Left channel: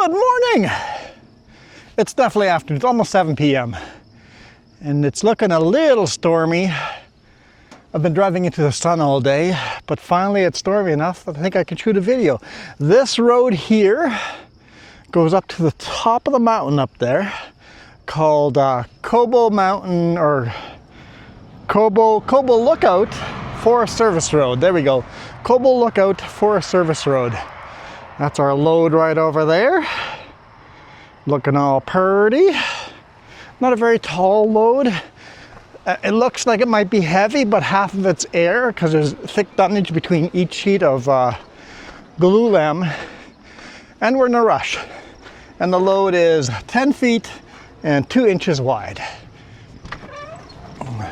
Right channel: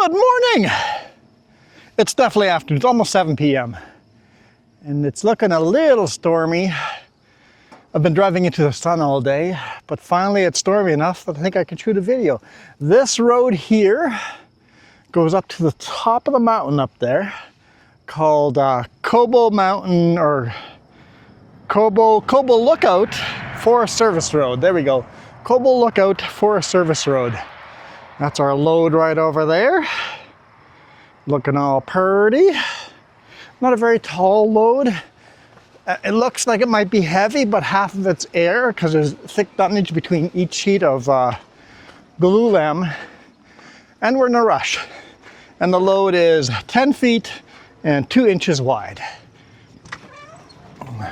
Good morning! It's definitely afternoon. It's almost 7 p.m. and it's looking a little stormy. I've been driving into the sun all day, but finally it's stormy enough that I think I could shoot a video. This road here goes up to the top of the mountain up there, called Cobo Mountain or Cobo Lookout Forest Service Road. There we go. Cobo Lookout Forest Service Road. That's our load right over there. Looking all pretty. Not a very tall load. It looks like it might be heavy, but half of it's air because there's thick dunnage between each sheet of glulam. And we're in a rush. And the load is 10 feet and 2 inches wide.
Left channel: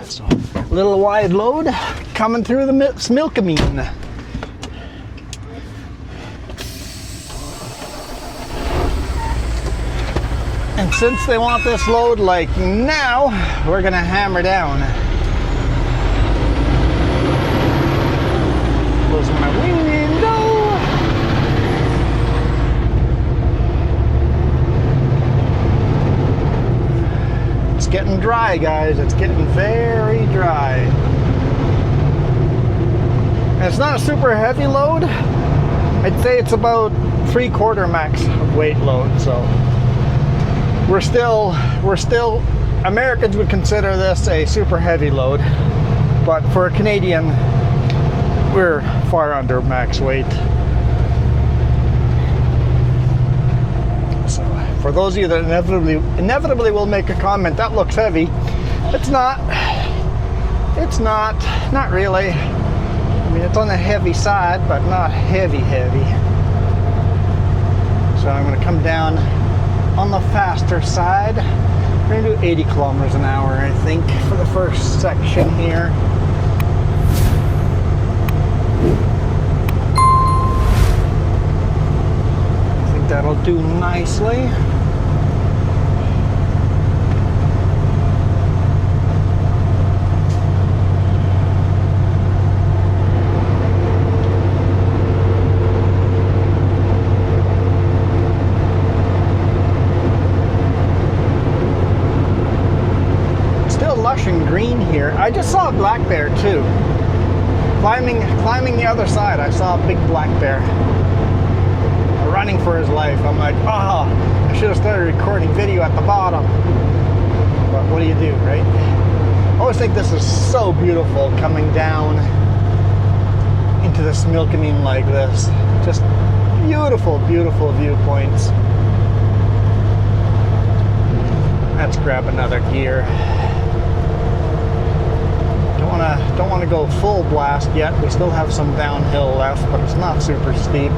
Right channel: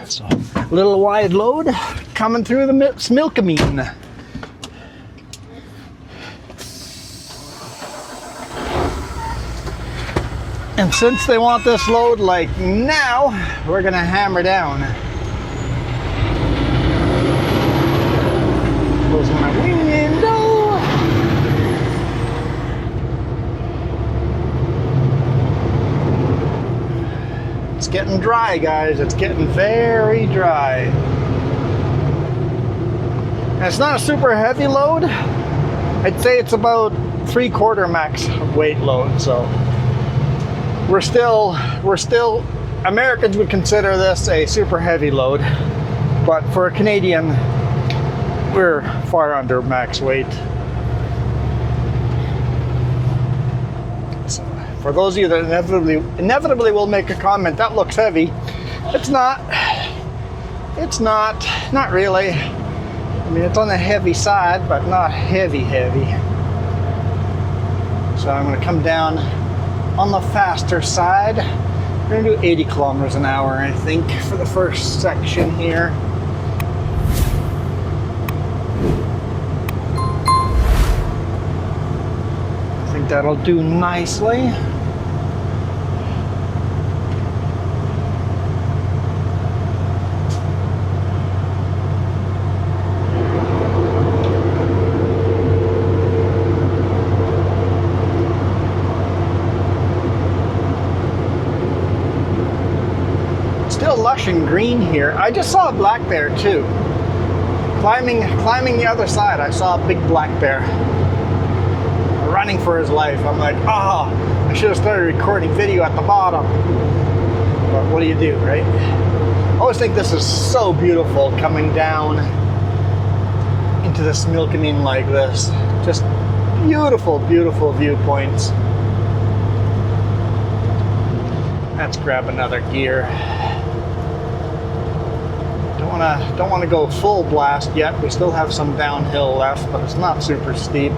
So, a little wide load coming through the Smilkameen. And since they want this load like now, we're gonna hammer down. Closing my window. It's getting dry, guys. It's getting very dry. And it's not a super heavy load. I'd say it's about 3/4 max weight load, so. We're still, Americans would consider this a super heavy load, but for a Canadian, we're far under max weight. So, for those of you that inevitably will make a comment, that looks heavy. It's not really. I mean, it's on the heavy side, but not heavy. So I'm gonna come down on the faster side. We're gonna do 80 kilometers an hour, I think, for the first section here. I think that'll do nicely. Green here. I just saw a black bear too. Climbing the other side, I saw a big black bear running for his life. I'm like, oh, I should have started recording video at the bottom. But what do you do, right? I always think this is so beautiful coming down into the Smilkameen like this. Just beautiful, beautiful viewpoints. Let's grab another gear. Don't want to go full blast yet. We still have some downhill left, but it's not super steep.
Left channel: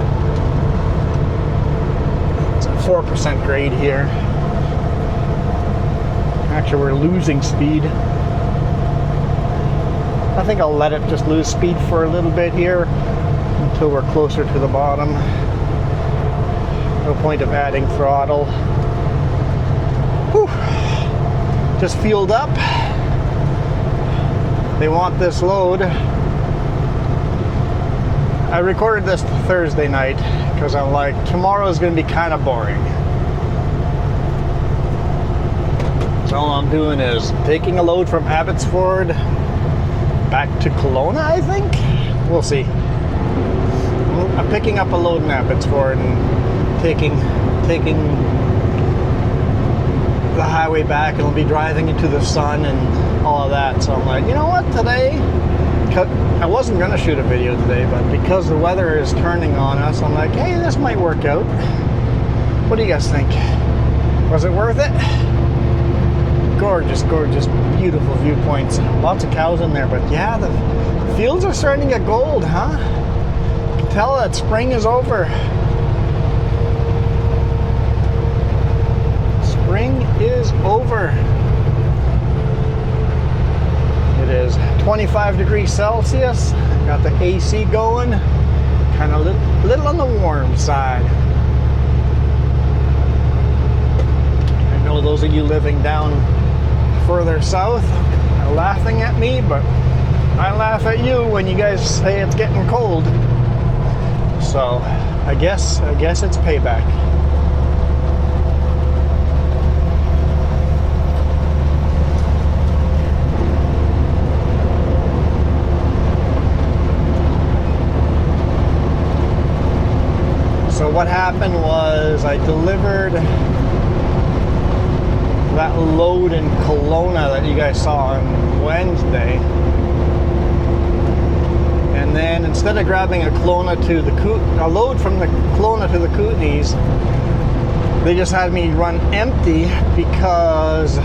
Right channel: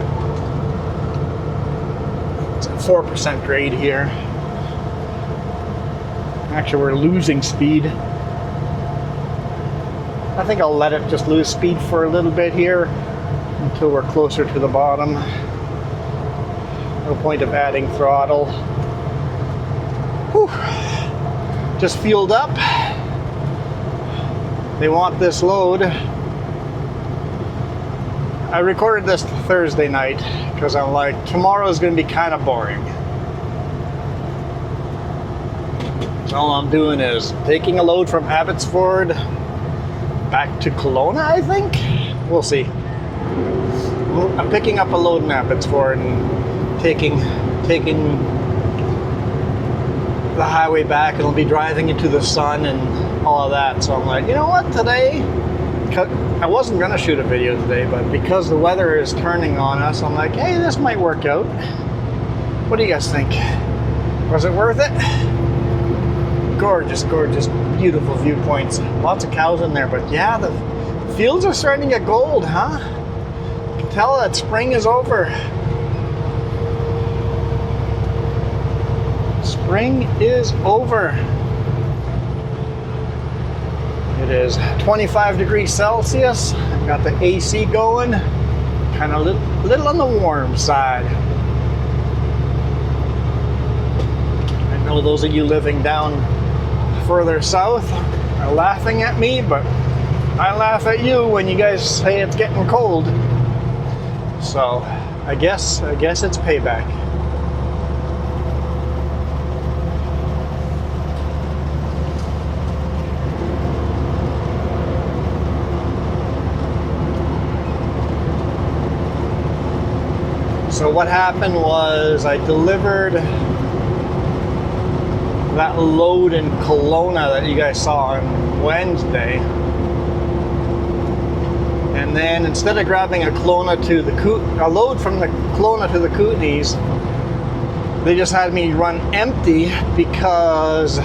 It's a 4% grade here. Actually, we're losing speed. I think I'll let it just lose speed for a little bit here until we're closer to the bottom. No point of adding throttle. Whew. Just fueled up. They want this load. I recorded this Thursday night because I'm like, tomorrow's gonna be kind of boring. So all I'm doing is taking a load from Abbotsford back to Kelowna, I think. We'll see. I'm picking up a load in Abbotsford and taking the highway back, and I'll be driving into the sun and all of that. So I'm like, you know what, today, I wasn't gonna shoot a video today, but because the weather is turning on us, I'm like, hey, this might work out. What do you guys think? Was it worth it? Gorgeous, gorgeous, beautiful viewpoints. Lots of cows in there, but yeah, the fields are starting to get gold, huh? You can tell that spring is over. Spring is over. It is 25 degrees Celsius. I've got the AC going. Kind of a little on the warm side. I know those of you living down further south are laughing at me, but I laugh at you when you guys say it's getting cold. So I guess it's payback. So what happened was I delivered that load in Kelowna that you guys saw on Wednesday. And then instead of grabbing a load from the Kelowna to the Kootenays, they just had me run empty because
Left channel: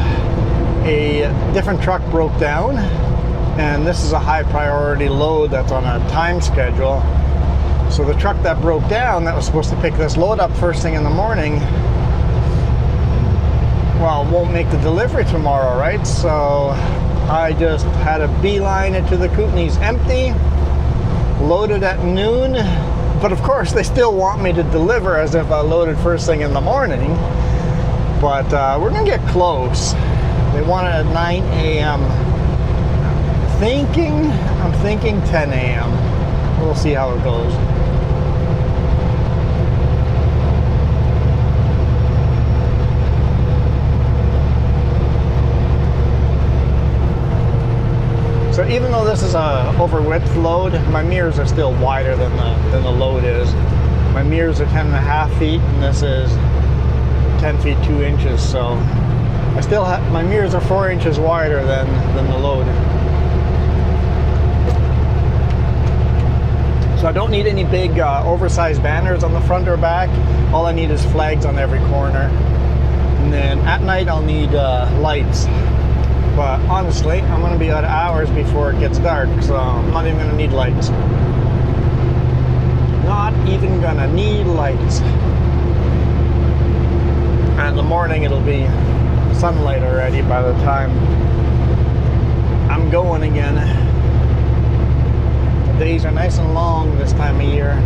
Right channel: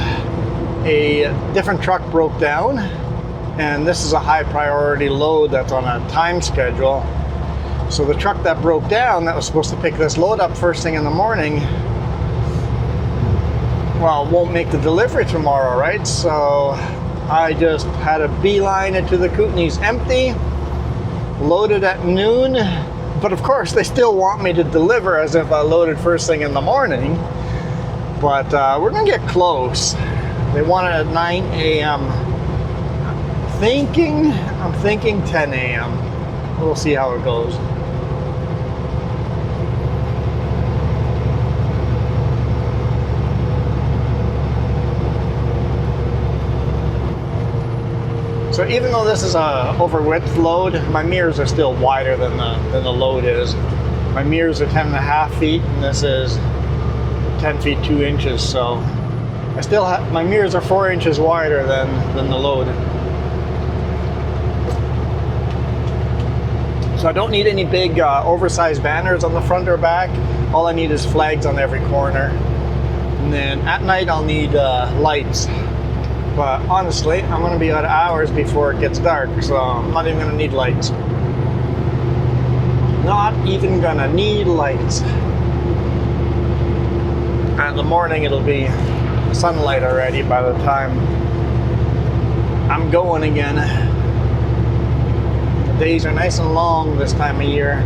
a different truck broke down. And this is a high priority load that's on a time schedule. So the truck that broke down that was supposed to pick this load up first thing in the morning, well, won't make the delivery tomorrow, right? So I just had a beeline into the Kootenays empty, loaded at noon. But of course, they still want me to deliver as if I loaded first thing in the morning. But we're gonna get close. They want it at 9 a.m. I'm thinking 10 a.m. We'll see how it goes. So even though this is a over width load, my mirrors are still wider than the load is. My mirrors are 10.5 feet, and this is 10 feet 2 inches. So I still have, my mirrors are 4 inches wider than the load. So I don't need any big oversized banners on the front or back. All I need is flags on every corner. And then at night I'll need lights. But honestly, I'm going to be out hours before it gets dark, so I'm not even going to need lights. Not even going to need lights. And in the morning it'll be sunlight already by the time I'm going again. Days are nice and long this time of year.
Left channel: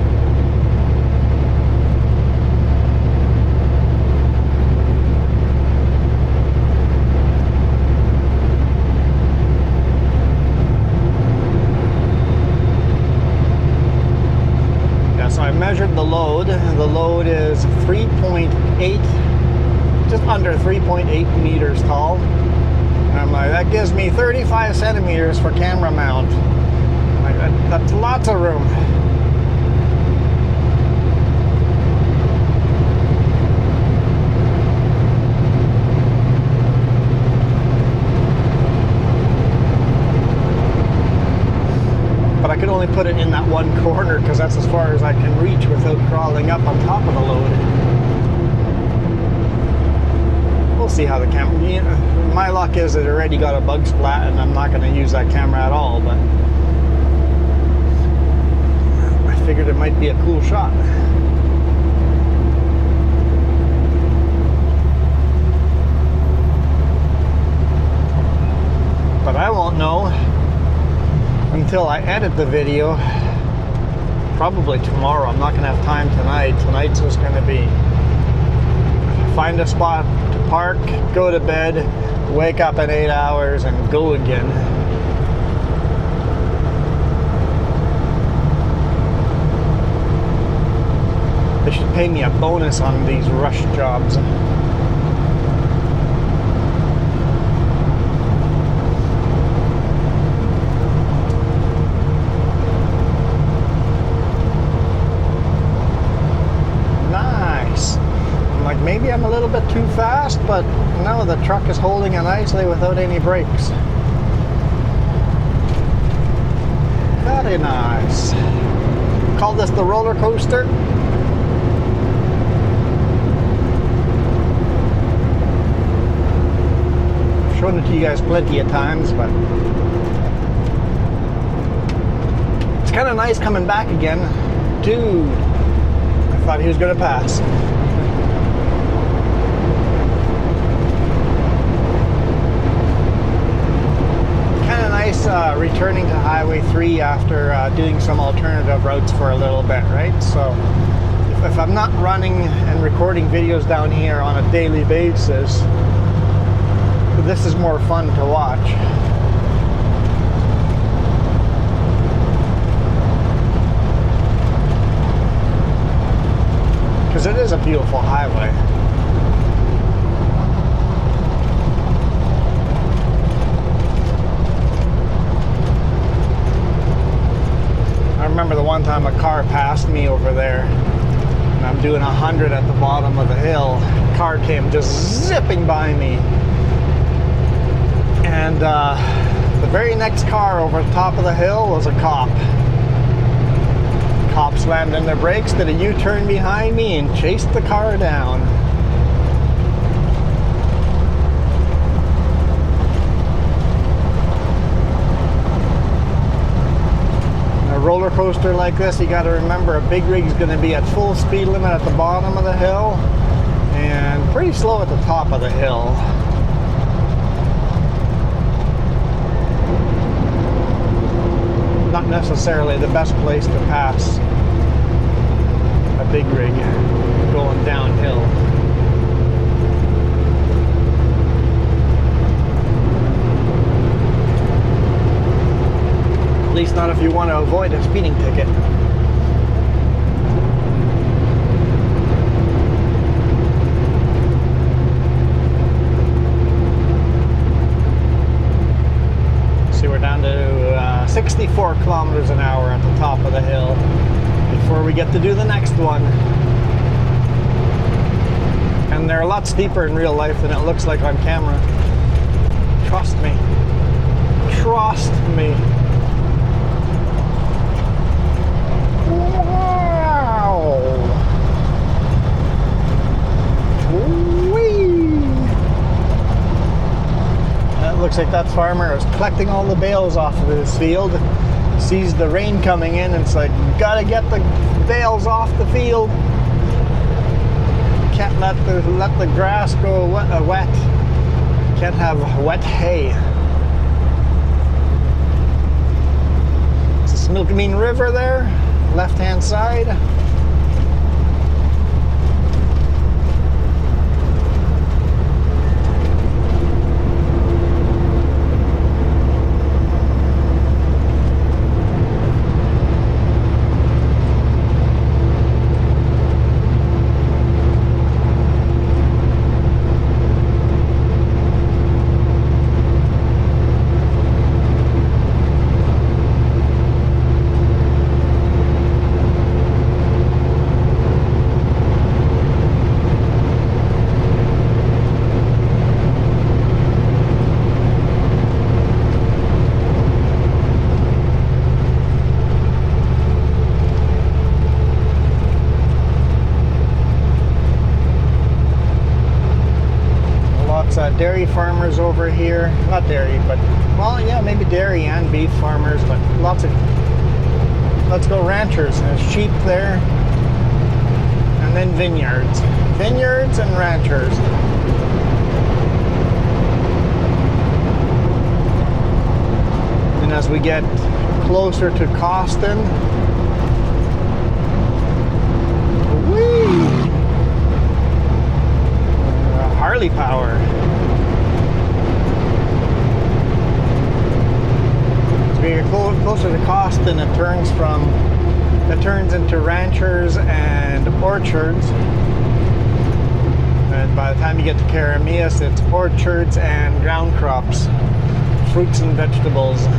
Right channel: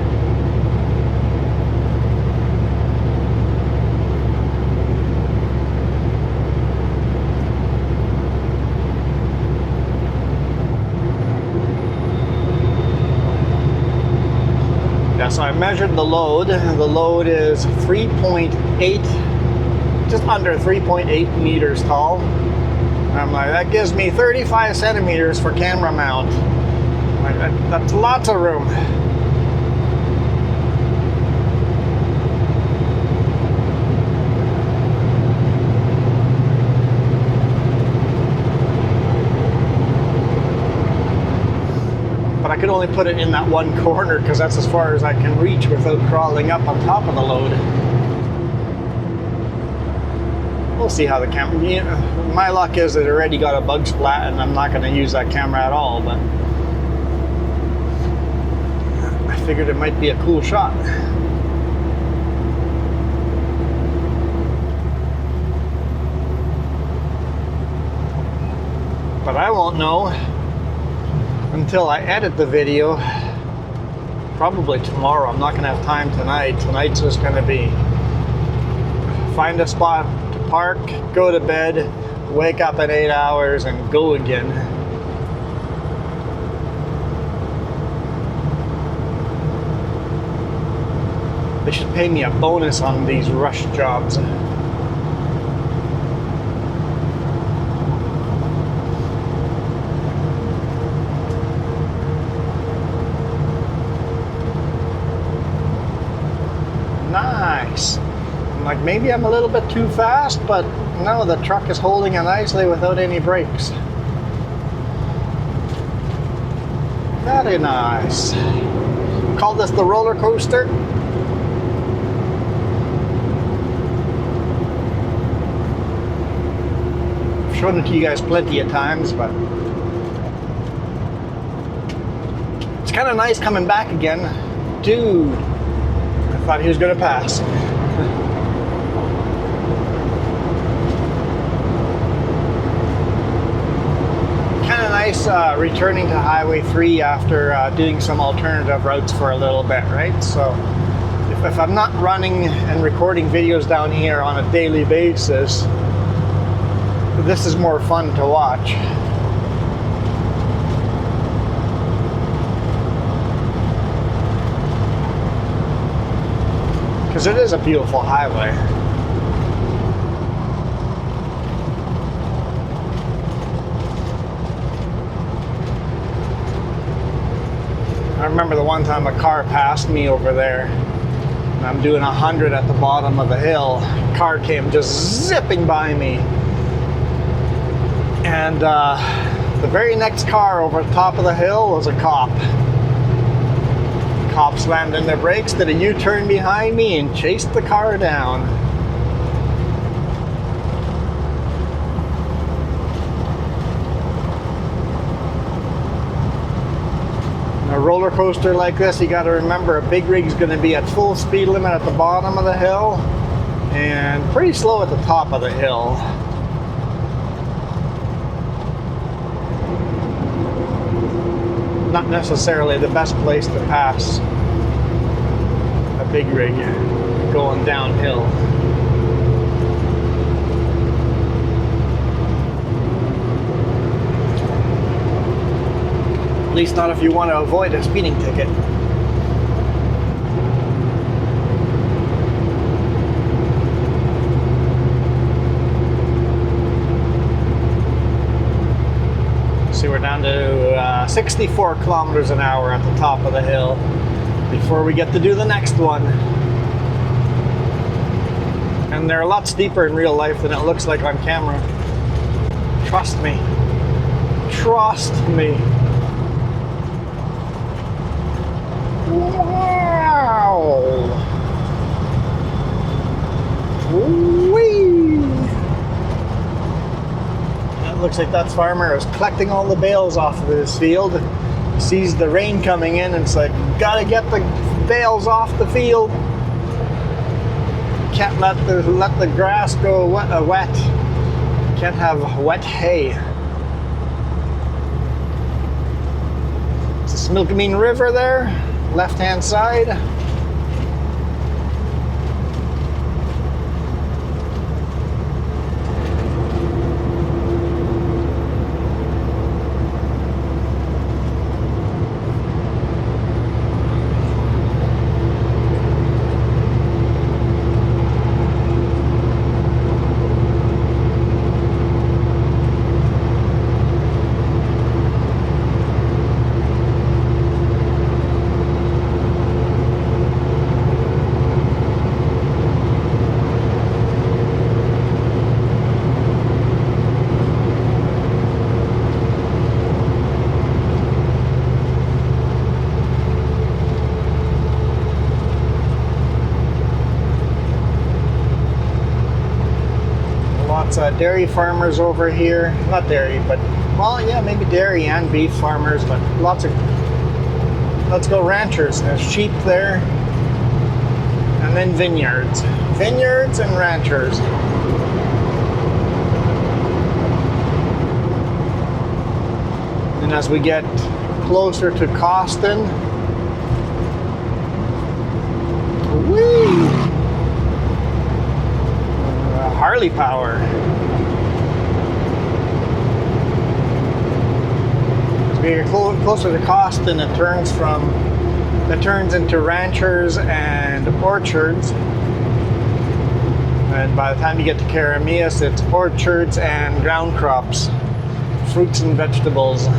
Yeah, so I measured the load. The load is 3.8, just under 3.8 meters tall. And I'm like, that gives me 35 centimeters for camera mount. That's lots of room. But I could only put it in that one corner because that's as far as I can reach without crawling up on top of the load. We'll see how the camera... My luck is it already got a bug splat and I'm not going to use that camera at all, but figured it might be a cool shot. But I won't know until I edit the video. Probably tomorrow. I'm not going to have time tonight. Tonight's just going to be find a spot to park, go to bed, wake up in 8 hours, and go again. They should pay me a bonus on these rush jobs. Nice. I'm like, maybe I'm a little bit too fast, but no, the truck is holding it nicely without any brakes. Very nice. Call this the roller coaster. Shown it to you guys plenty of times, but it's kind of nice coming back again. Dude, I thought he was going to pass. Kind of nice returning to Highway 3 after doing some alternative routes for a little bit, right? So if I'm not running and recording videos down here on a daily basis, this is more fun to watch. Because it is a beautiful highway. I remember the one time a car passed me over there. I'm doing 100 at the bottom of the hill. Car came just zipping by me. And the very next car over the top of the hill was a cop. Cop slammed in their brakes, did a U-turn behind me, and chased the car down. A roller coaster like this, you got to remember a big rig's going to be at full speed limit at the bottom of the hill and pretty slow at the top of the hill. Not necessarily the best place to pass a big rig going downhill. At least not if you want to avoid a speeding ticket. See, we're down to 64 kilometers an hour at the top of the hill before we get to do the next one. And they're a lot steeper in real life than it looks like on camera. Trust me. Trust me. Wow. Whee. That looks like that farmer is collecting all the bales off of his field. He sees the rain coming in and it's like, gotta get the bales off the field. Can't let the grass go wet. Can't have wet hay. It's the Snoqualmie River there, left-hand side. Dairy farmers over here, not dairy, but, well, yeah, maybe dairy and beef farmers, but lots of, let's go ranchers. There's sheep there, and then vineyards. Vineyards and ranchers. And as we get closer to Costin, whee! Harley power. You're closer to Costin, it turns into ranchers and orchards, and by the time you get to Caramias, it's orchards and ground crops, fruits and vegetables.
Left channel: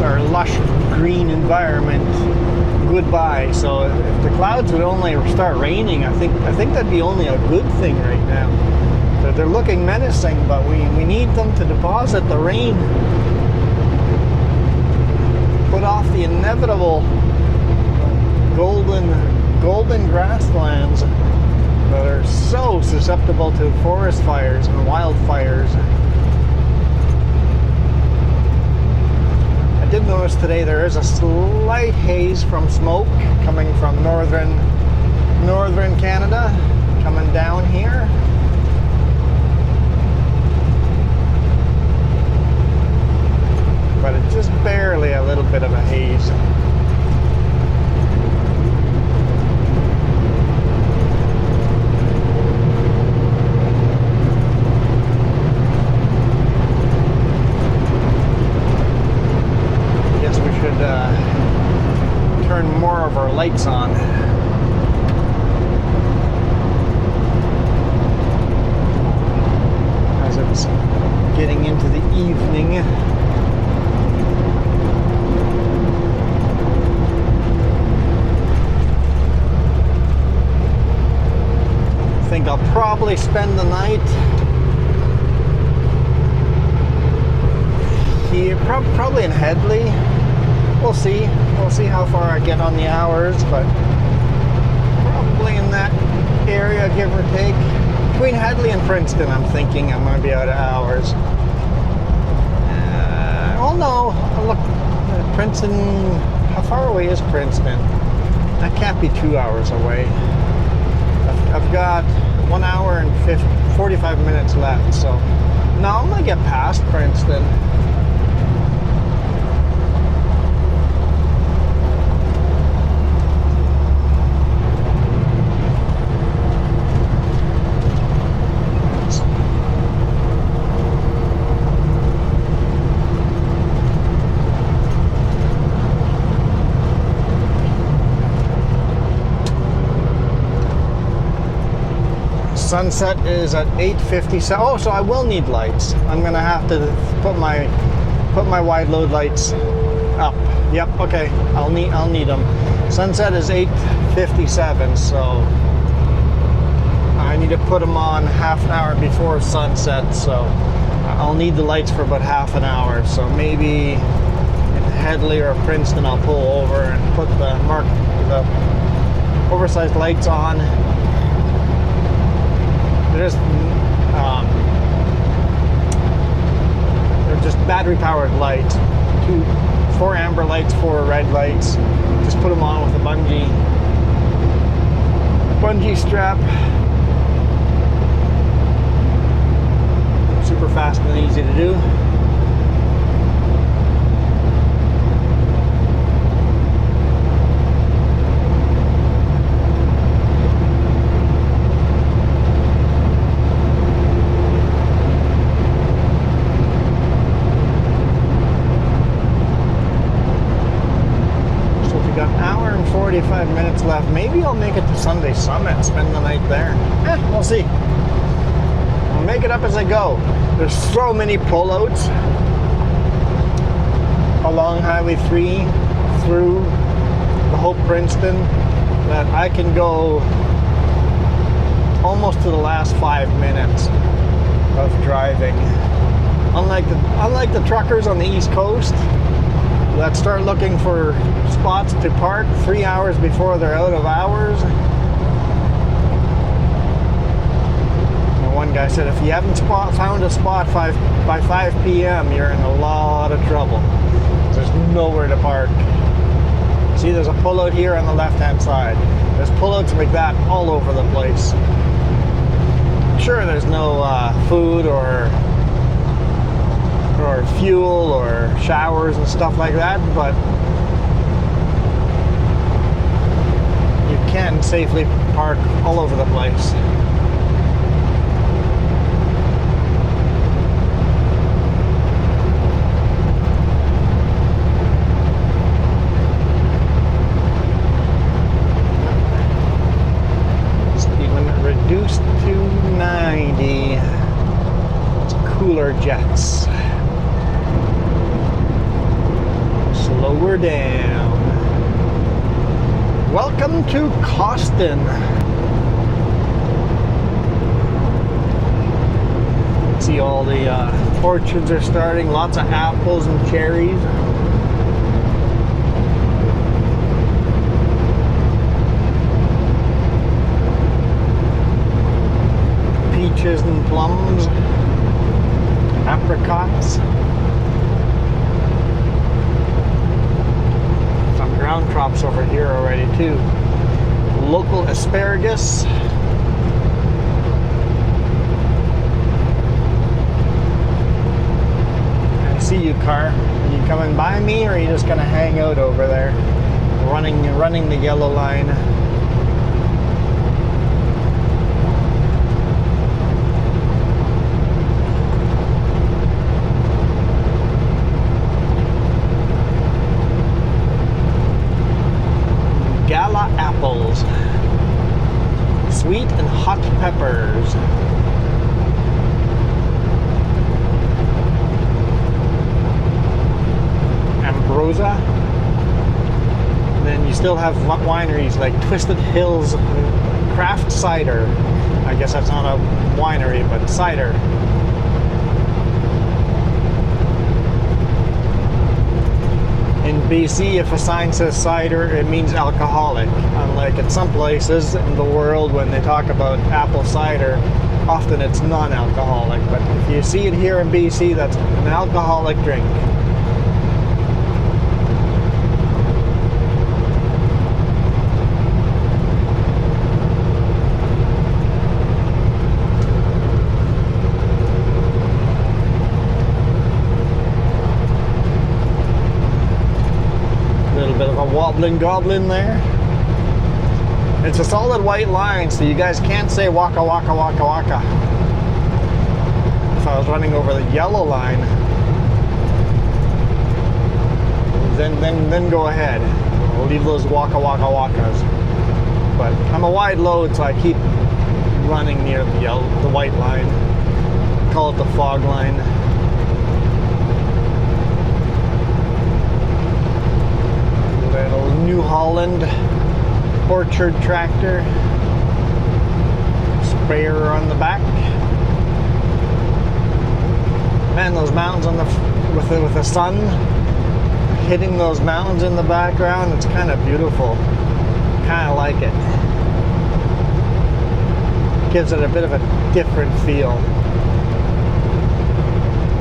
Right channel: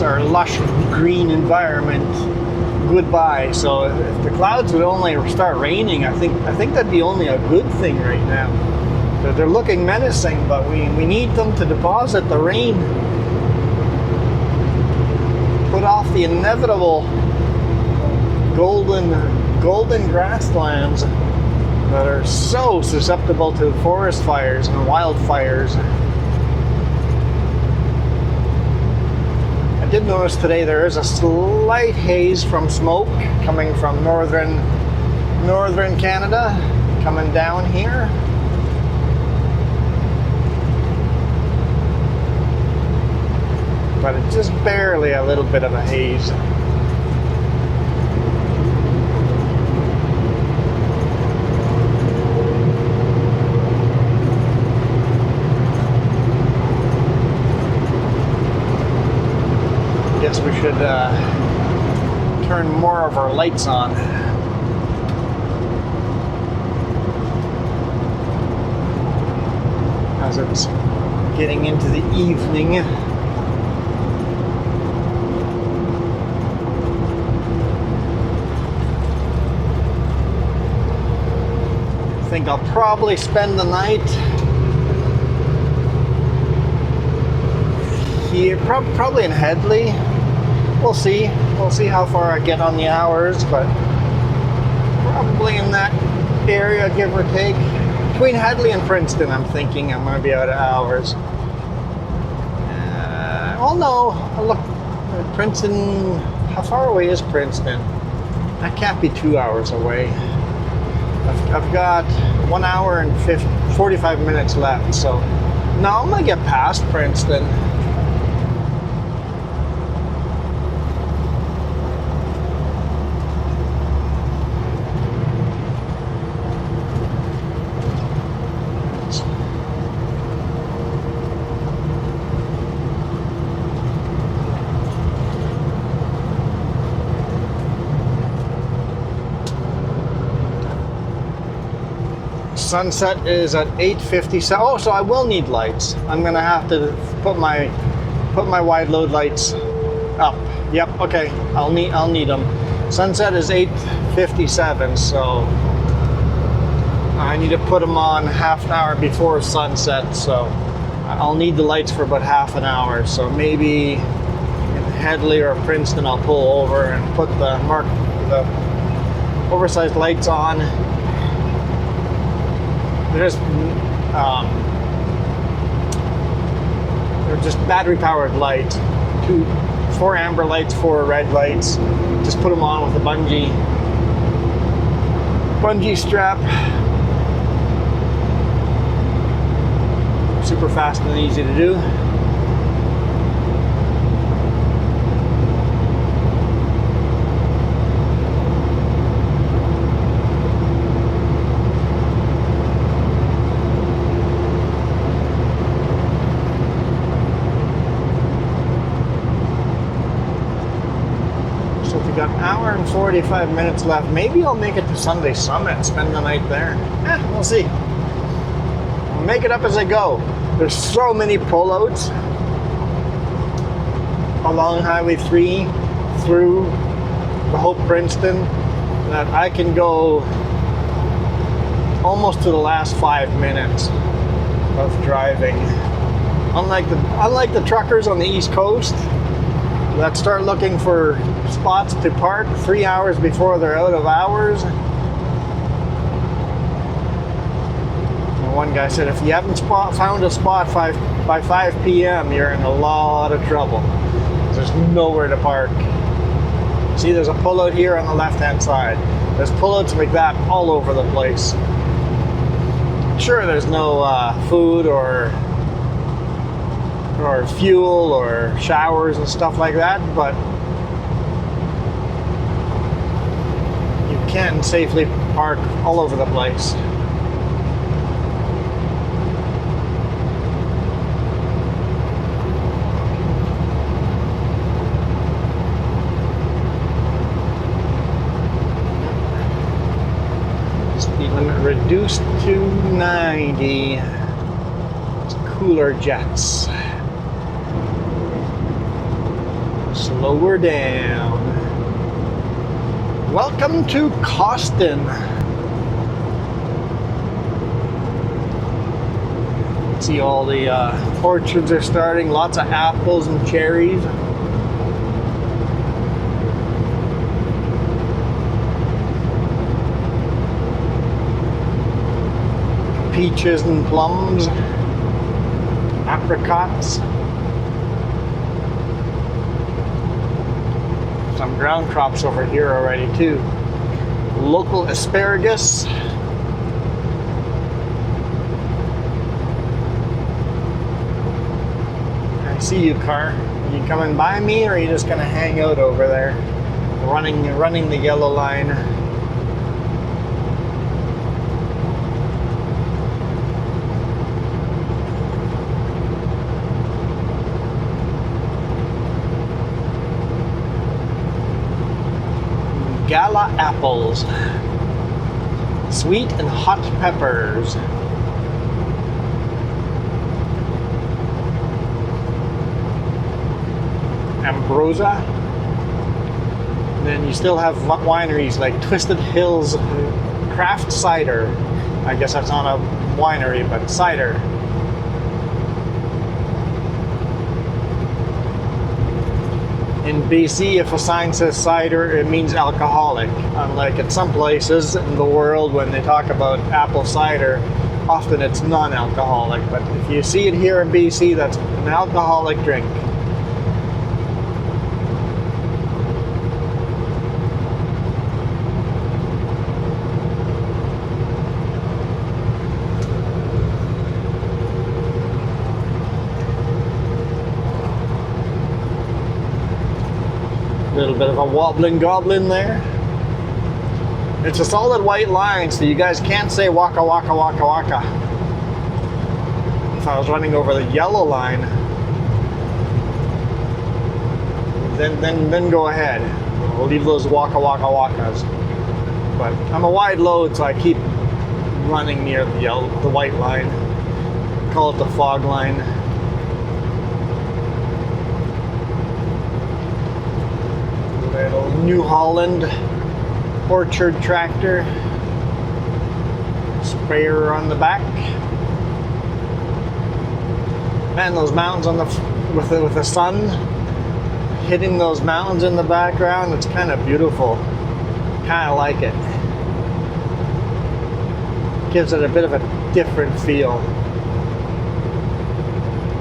Our lush green environment goodbye. So if the clouds would only start raining, I think that'd be only a good thing right now. They're looking menacing, but we need them to deposit the rain, put off the inevitable golden grasslands that are so susceptible to forest fires and wildfires. I did notice today there is a slight haze from smoke coming from northern Canada, coming down here. But it's just barely a little bit of a haze. lights on. As it's getting into the evening. I think I'll probably spend the night here, probably in Headley. We'll see. We'll see how far I get on the hours, but probably in that area, give or take. Between Headley and Princeton, I'm thinking I'm going to be out of hours. Well, no. Look, Princeton, how far away is Princeton? That can't be 2 hours away. I've got 1 hour and 45 minutes left, so no, I'm going to get past Princeton. Sunset is at 8:57. Oh, so I will need lights. I'm gonna have to put my wide load lights up. Yep. Okay. I'll need them. Sunset is 8:57, so I need to put them on half an hour before sunset. So I'll need the lights for about half an hour. So maybe in Headley or Princeton, I'll pull over and put the oversized lights on. They're just battery-powered lights. 4 amber lights, 4 red lights. Just put them on with a bungee strap. Super fast and easy to do. So if we got an hour and 45 minutes left, maybe I'll make it to Sunday Summit, spend the night there. We'll see. I'll make it up as I go. There's so many pullouts along Highway 3 through the whole Princeton that I can go almost to the last 5 minutes of driving. Unlike the truckers on the East Coast that start looking for spots to park 3 hours before they're out of hours. One guy said, if you haven't found a spot by 5 p.m., you're in a lot of trouble. There's nowhere to park. See, there's a pullout here on the left-hand side. There's pullouts like that all over the place. Sure, there's no food or fuel or showers and stuff like that, but you can safely park all over the place. Reduced to 90. It's cooler jets. Slower down. Welcome to Costin. See, all the orchards are starting. Lots of apples and cherries. Peaches and plums, apricots, some ground crops over here already too. Local asparagus. I see you, car. Are you coming by me, or are you just gonna hang out over there, running the yellow line? Gala and hot peppers. Ambrosia. And then you still have wineries like Twisted Hills Craft Cider. I guess that's not a winery, but cider. In BC, if a sign says cider, it means alcoholic. Unlike in some places in the world, when they talk about apple cider, often it's non-alcoholic. But if you see it here in BC, that's an alcoholic drink. Wobbling goblin there. It's a solid white line, so you guys can't say waka waka waka waka. If I was running over the yellow line, then go ahead. We'll leave those waka waka wakas. But I'm a wide load, so I keep running near the white line. Call it the fog line. New Holland orchard tractor, sprayer on the back. Man, those mountains on the with the sun hitting those mountains in the background, it's kind of beautiful. Kind of like it. Gives it a bit of a different feel.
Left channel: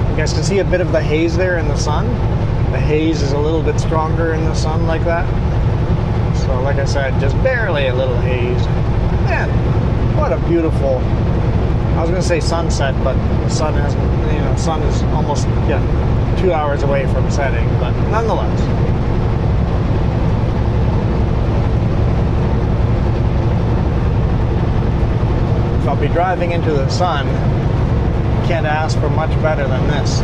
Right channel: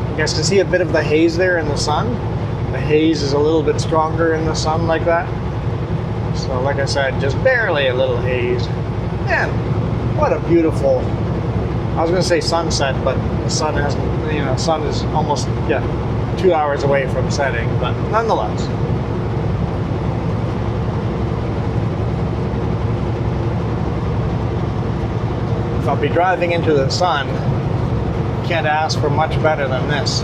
You guys can see a bit of the haze there in the sun. The haze is a little bit stronger in the sun like that. So like I said, just barely a little haze. Man, what a beautiful, I was going to say sunset, but the sun hasn't, sun is almost 2 hours away from setting, but nonetheless. If I'll be driving into the sun, can't ask for much better than this.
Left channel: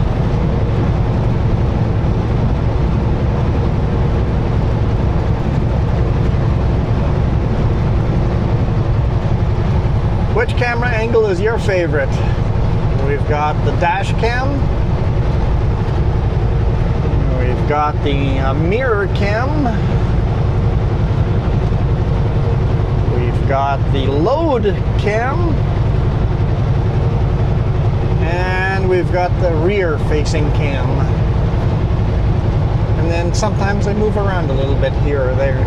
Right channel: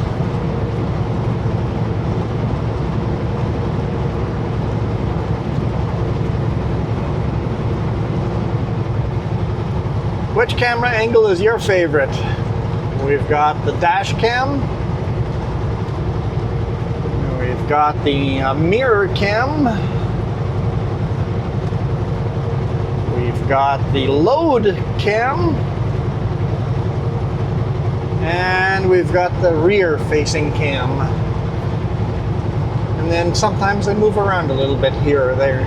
Which camera angle is your favorite? We've got the dash cam. We've got the mirror cam. We've got the load cam. And we've got the rear facing cam. And then sometimes they move around a little bit here or there.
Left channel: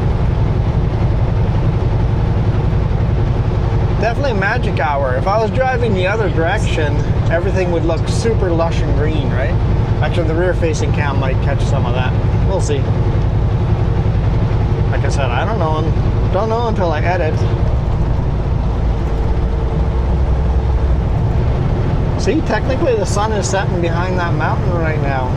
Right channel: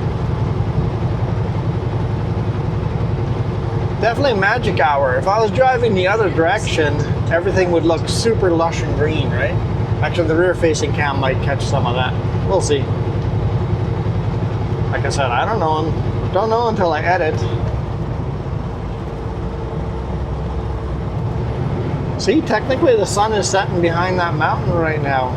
Definitely magic hour. If I was driving the other direction, everything would look super lush and green, right? Actually, the rear-facing cam might catch some of that. We'll see. Like I said, I don't know. Don't know until I edit. See, technically the sun is setting behind that mountain right now.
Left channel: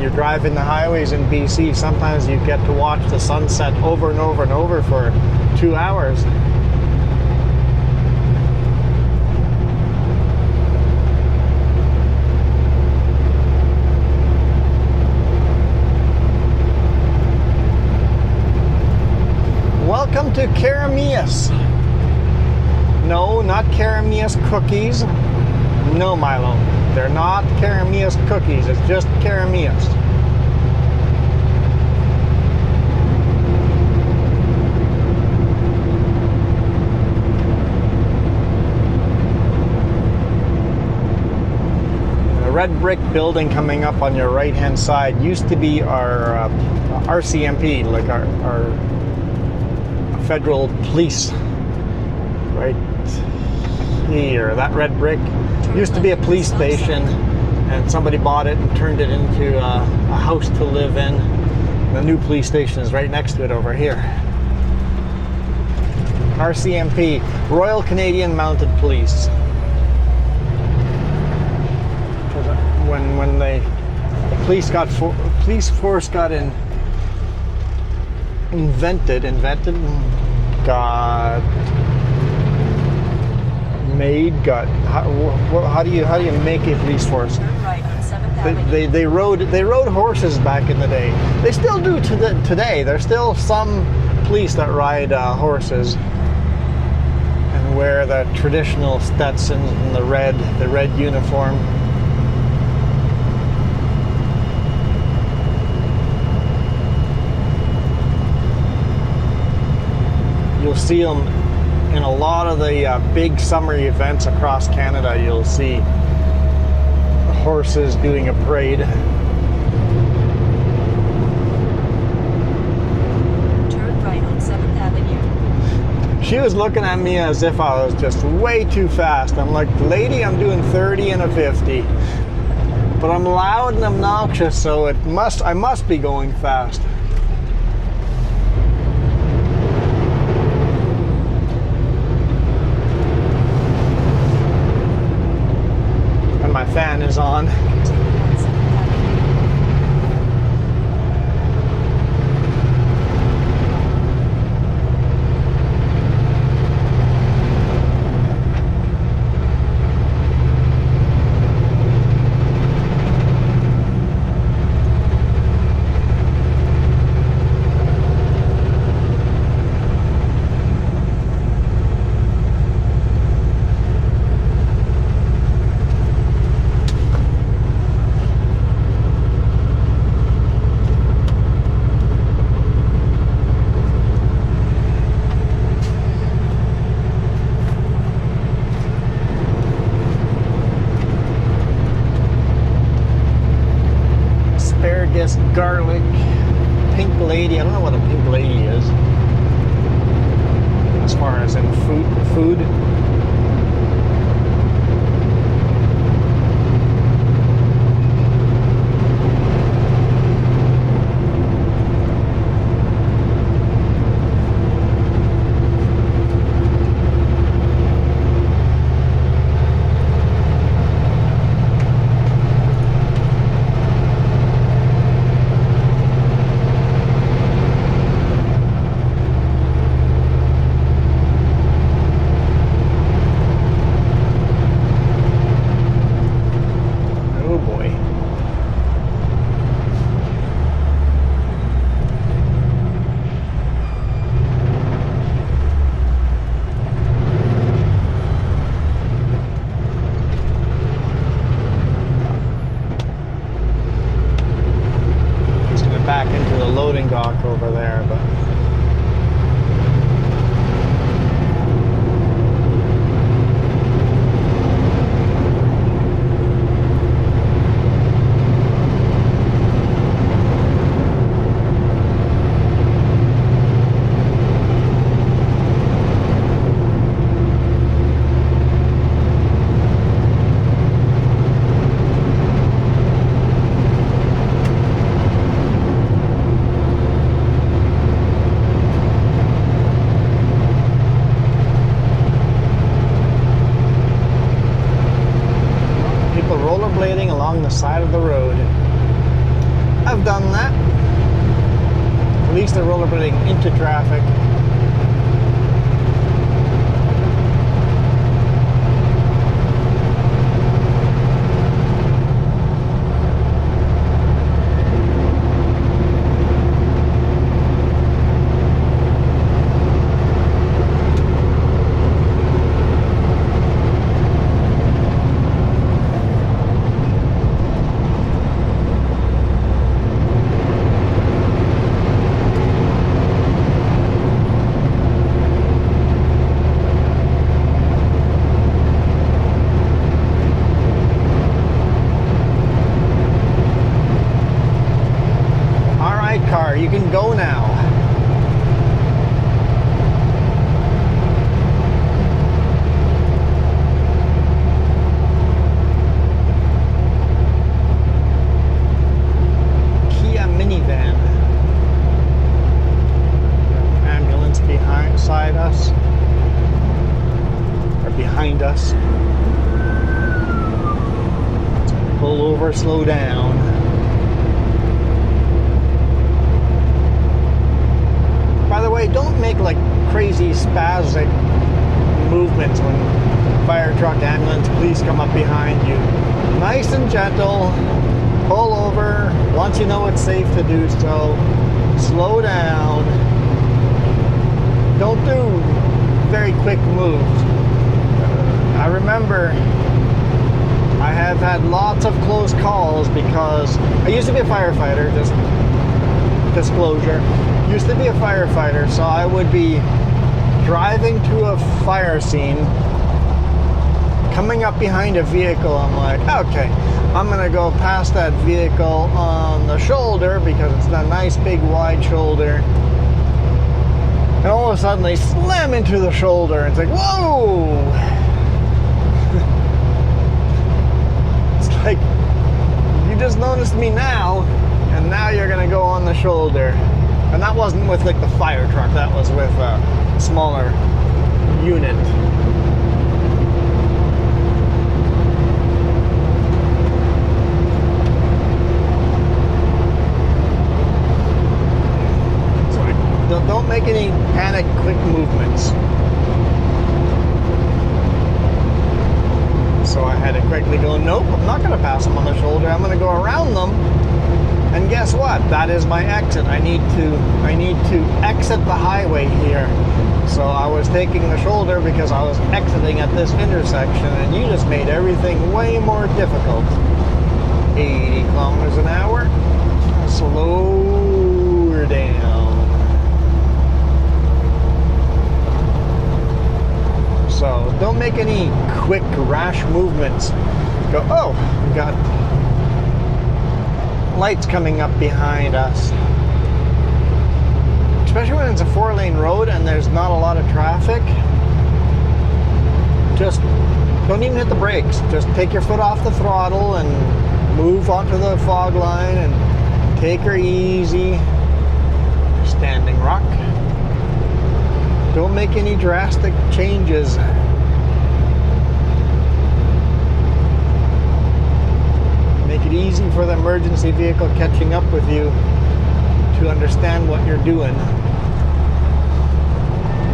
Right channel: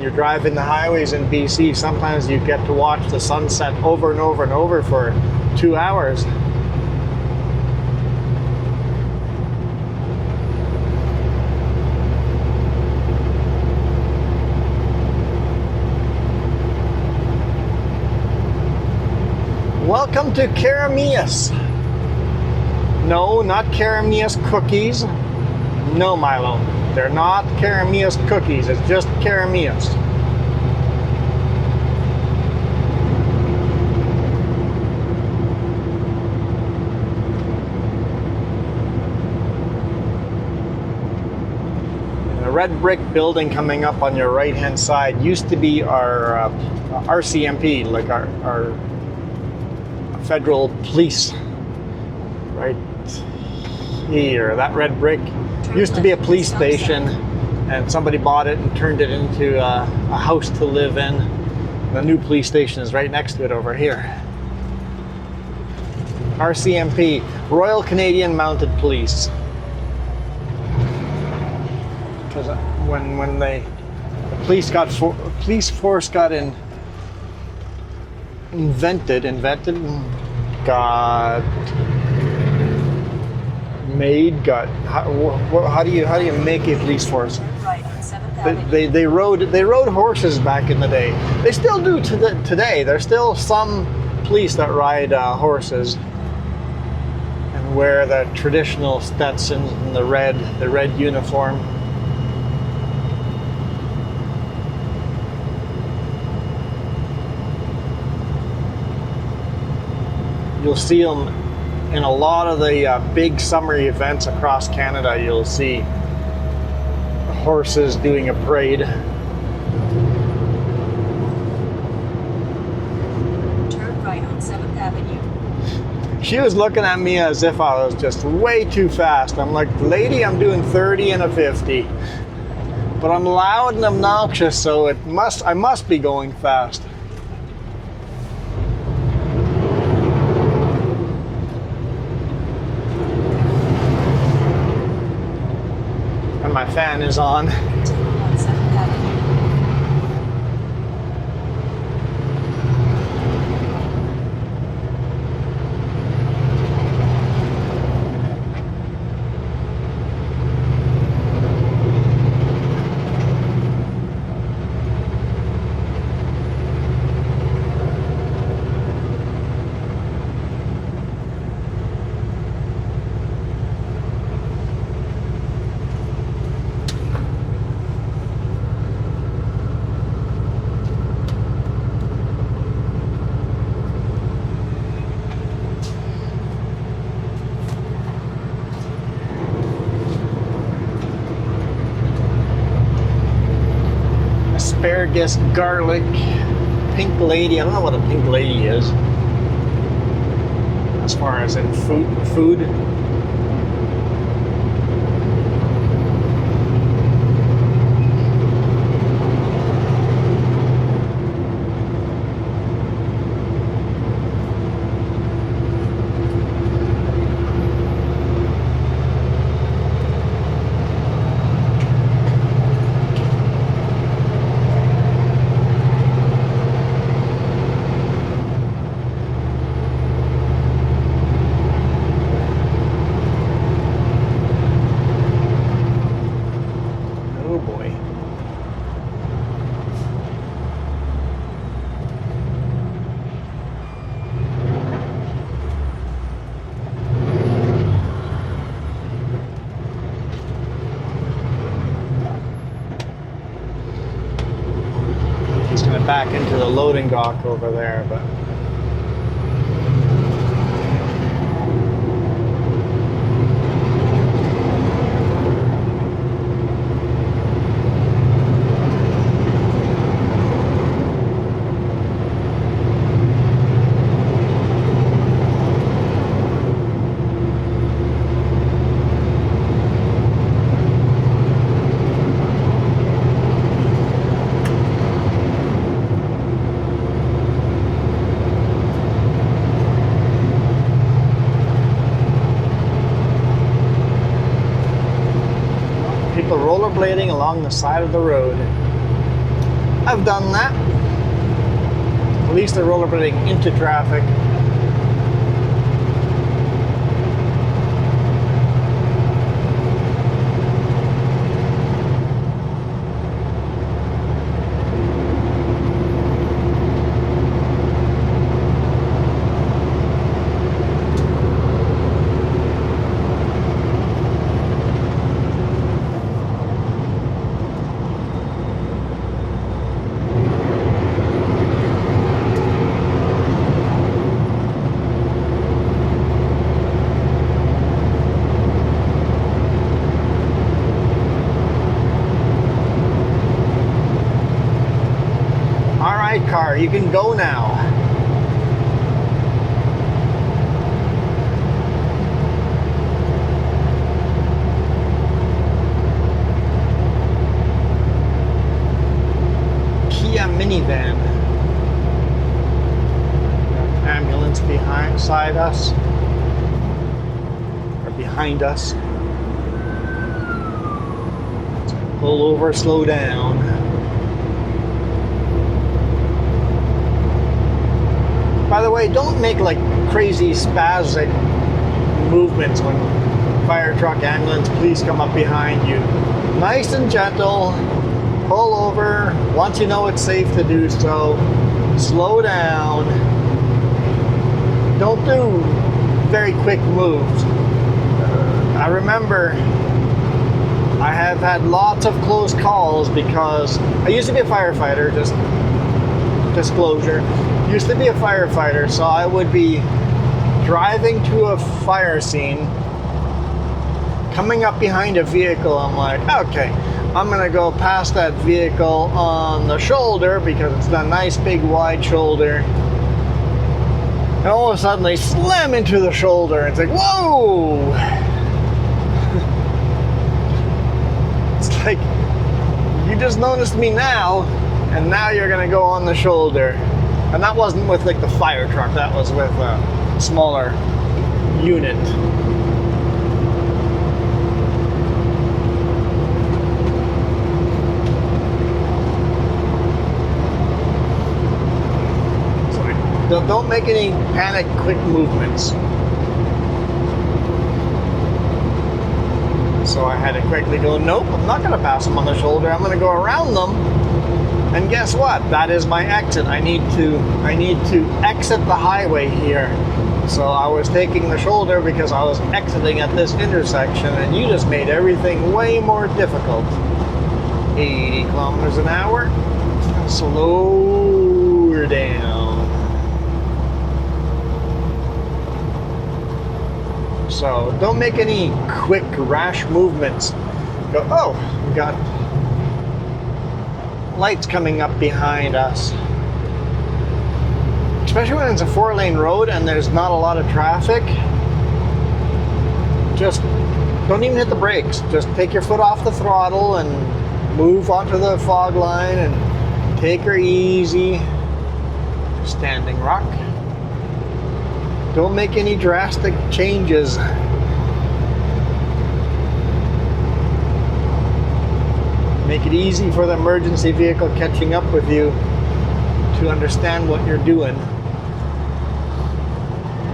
You're driving the highways in BC, sometimes you get to watch the sunset over and over and over for 2 hours. Welcome to Carameus. No, not Carameus cookies. No, Milo. They're not Carameus cookies, it's just Carameus. The red brick building coming up on your right hand side used to be our RCMP, like our federal police. Right here, that red brick used to be a police station, and somebody bought it and turned it into a house to live in. The new police station is right next to it over here. RCMP, Royal Canadian Mounted Police. Because when the police force got invented, how do you make a police force? Right on 7,000. They rode horses back in the day. They still do today. There's still some police that ride horses and wear the traditional Stetsons and the red uniform. You'll see them in a lot of the big summer events across Canada. You'll see horses doing a parade. Turn right on 7th Avenue. She was looking at me as if I was just way too fast. I'm like, lady, I'm doing 30 and a 50. But I'm loud and obnoxious, so I must be going fast. My fan is on. Asparagus, garlic, pink lady. I don't know what a pink lady is as far as in food. Over there, but along the side of the road. I've done that. At least they're rollerblading into traffic. You can go now. Kia minivan. Ambulance beside us. Or behind us. Pull over, slow down. By the way, don't make like crazy spastic movements when fire truck, ambulance, police come up behind you. Nice and gentle. pull over. Once you know it's safe to do so, slow down. Don't do very quick moves. I remember I have had lots of close calls because I used to be a firefighter, just disclosure. Used to be a firefighter, so I would be driving to a fire scene, coming up behind a vehicle. I'm like, okay, I'm gonna go past that vehicle on the shoulder because it's a nice big wide shoulder. And all of a sudden they slam into the shoulder. It's like, whoa! It's like, you just noticed me now, and now you're gonna go on the shoulder. And that wasn't with like the fire truck, that was with a smaller unit. Don't make any panic quick movements. So I had to quickly go, nope, I'm not going to pass them on the shoulder. I'm going to go around them. And guess what? That is my exit. I need to exit the highway here. So I was taking the shoulder because I was exiting at this intersection, and you just made everything way more difficult. 80 kilometers an hour. Slow her down. So don't make any quick, rash movements. Go, oh, we got lights coming up behind us. Especially when it's a 4-lane road and there's not a lot of traffic. Just don't even hit the brakes. Just take your foot off the throttle and move onto the fog line and take her easy. Standing rock. Don't make any drastic changes. Make it easy for the emergency vehicle catching up with you to understand what you're doing.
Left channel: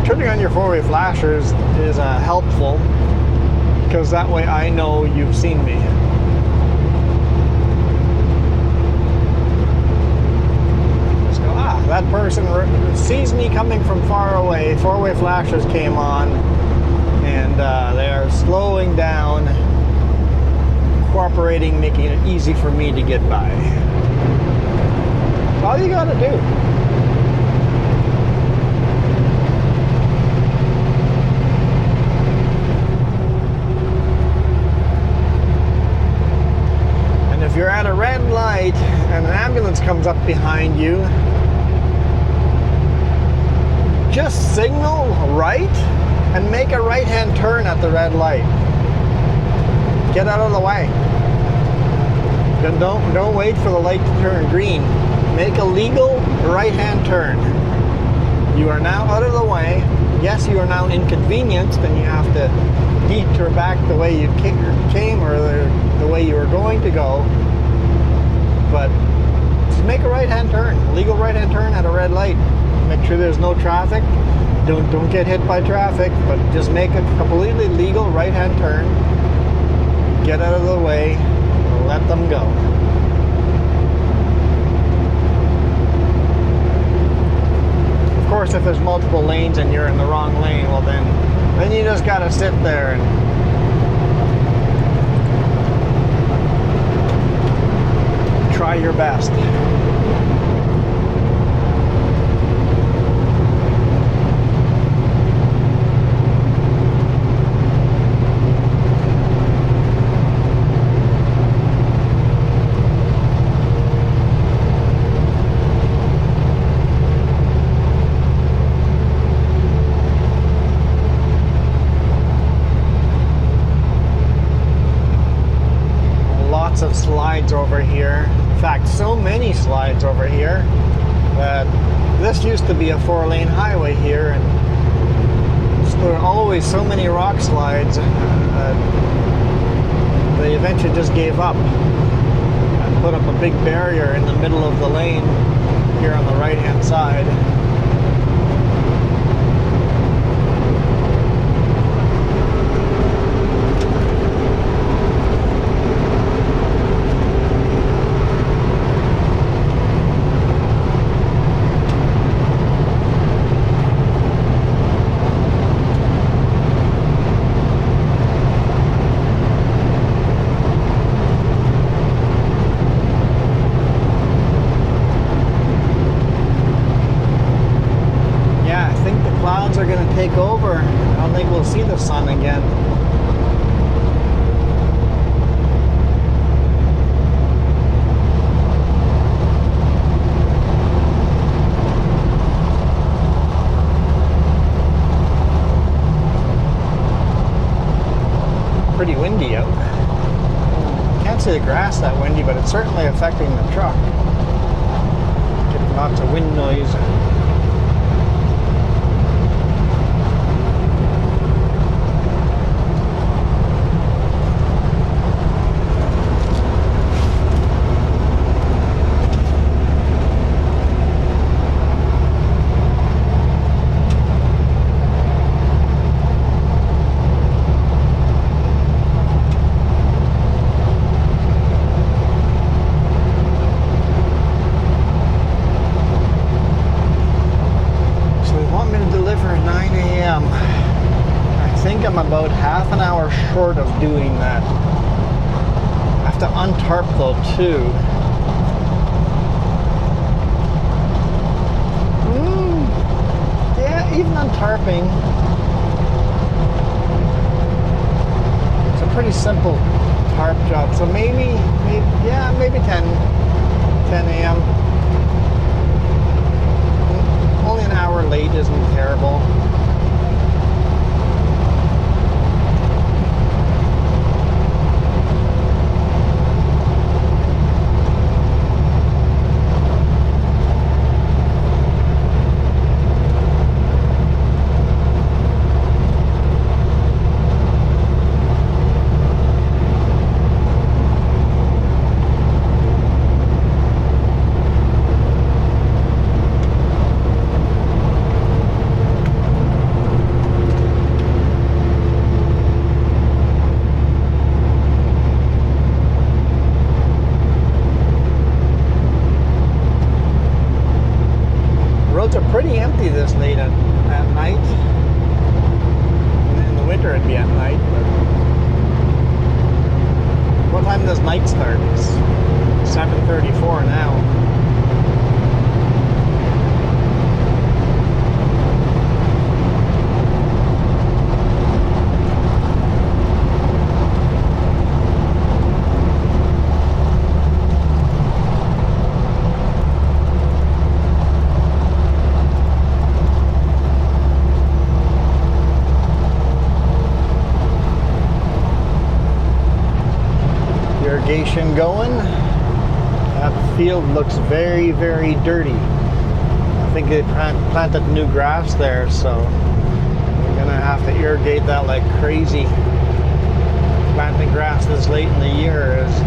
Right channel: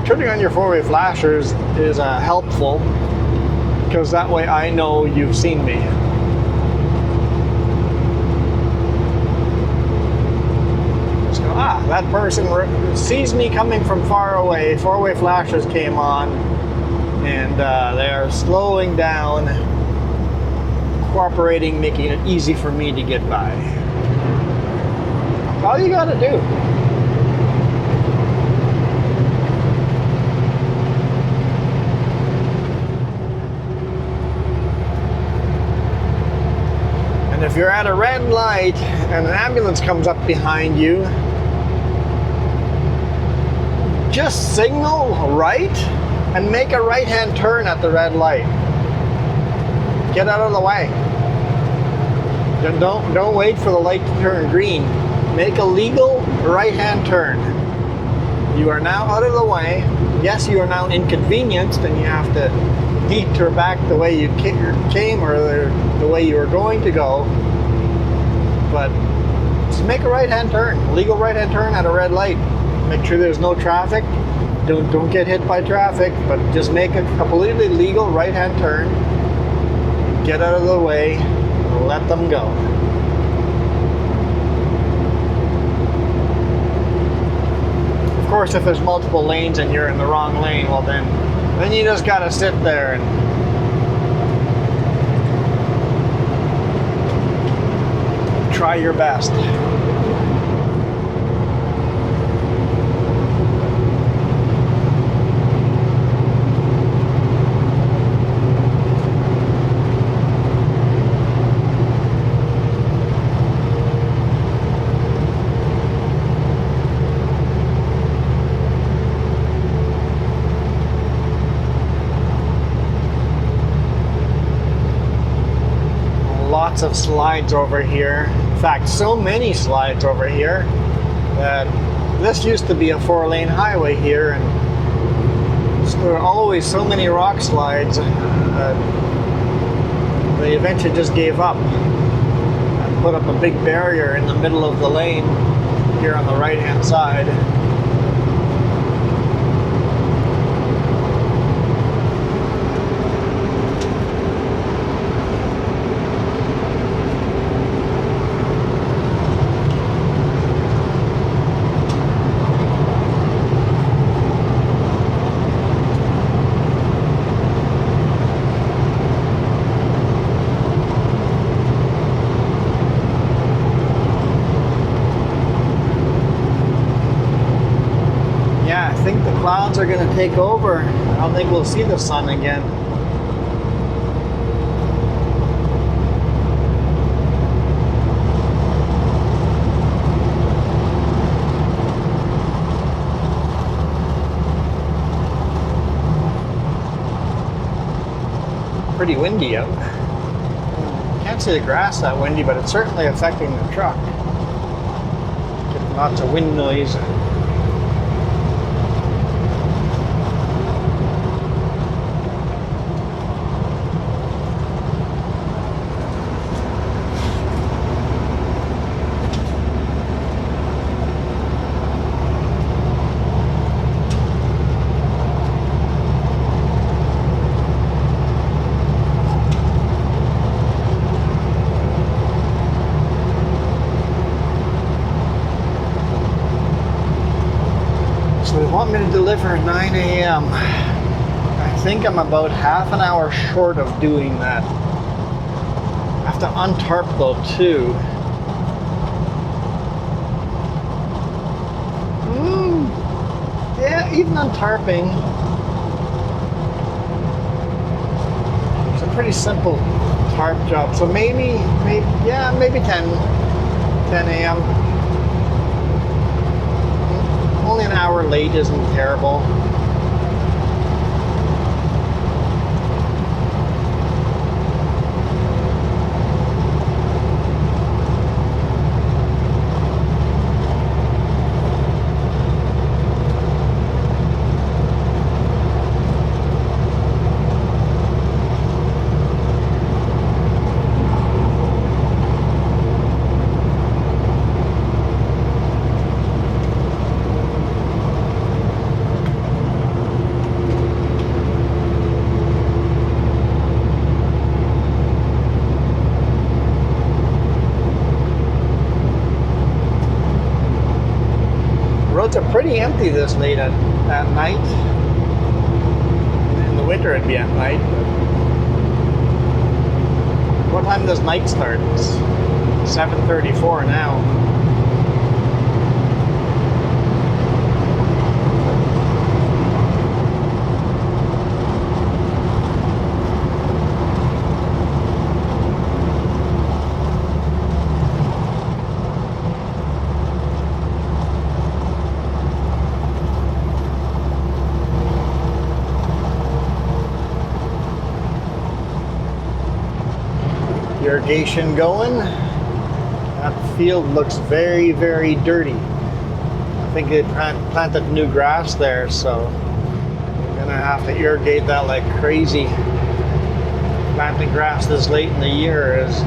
Turning on your 4-way flashers is helpful because that way I know you've seen me. That person sees me coming from far away. 4-way flashers came on, and they're slowing down, cooperating, making it easy for me to get by. All you gotta do. And if you're at a red light and an ambulance comes up behind you, just signal right and make a right-hand turn at the red light. Get out of the way. Then don't wait for the light to turn green. Make a legal right-hand turn. You are now out of the way. Yes, you are now inconvenienced and you have to detour back the way you came or the way you were going to go. But just make a right-hand turn. Legal right-hand turn at a red light. Make sure there's no traffic. Don't get hit by traffic, but just make a completely legal right-hand turn. Get out of the way. Let them go. Of course, if there's multiple lanes and you're in the wrong lane, well then you just gotta sit there and try your best. Of slides over here. In fact, so many slides over here that this used to be a 4-lane highway here, and there were always so many rock slides that they eventually just gave up and put up a big barrier in the middle of the lane here on the right hand side. see the sun again. Pretty windy out. Can't see the grass that windy, but it's certainly affecting the truck. Getting lots of wind noise. About half an hour short of doing that. I have to untarp though too. Yeah, even untarping. It's a pretty simple tarp job. So maybe 10 a.m. Only an hour late isn't terrible. Pretty empty this late at night. In the winter it'd be at night. But what time does night start? It's 7:34 now. Going. That field looks very, very dirty. I think they planted new grass there, so I'm gonna have to irrigate that like crazy. Planting grass this late in the year is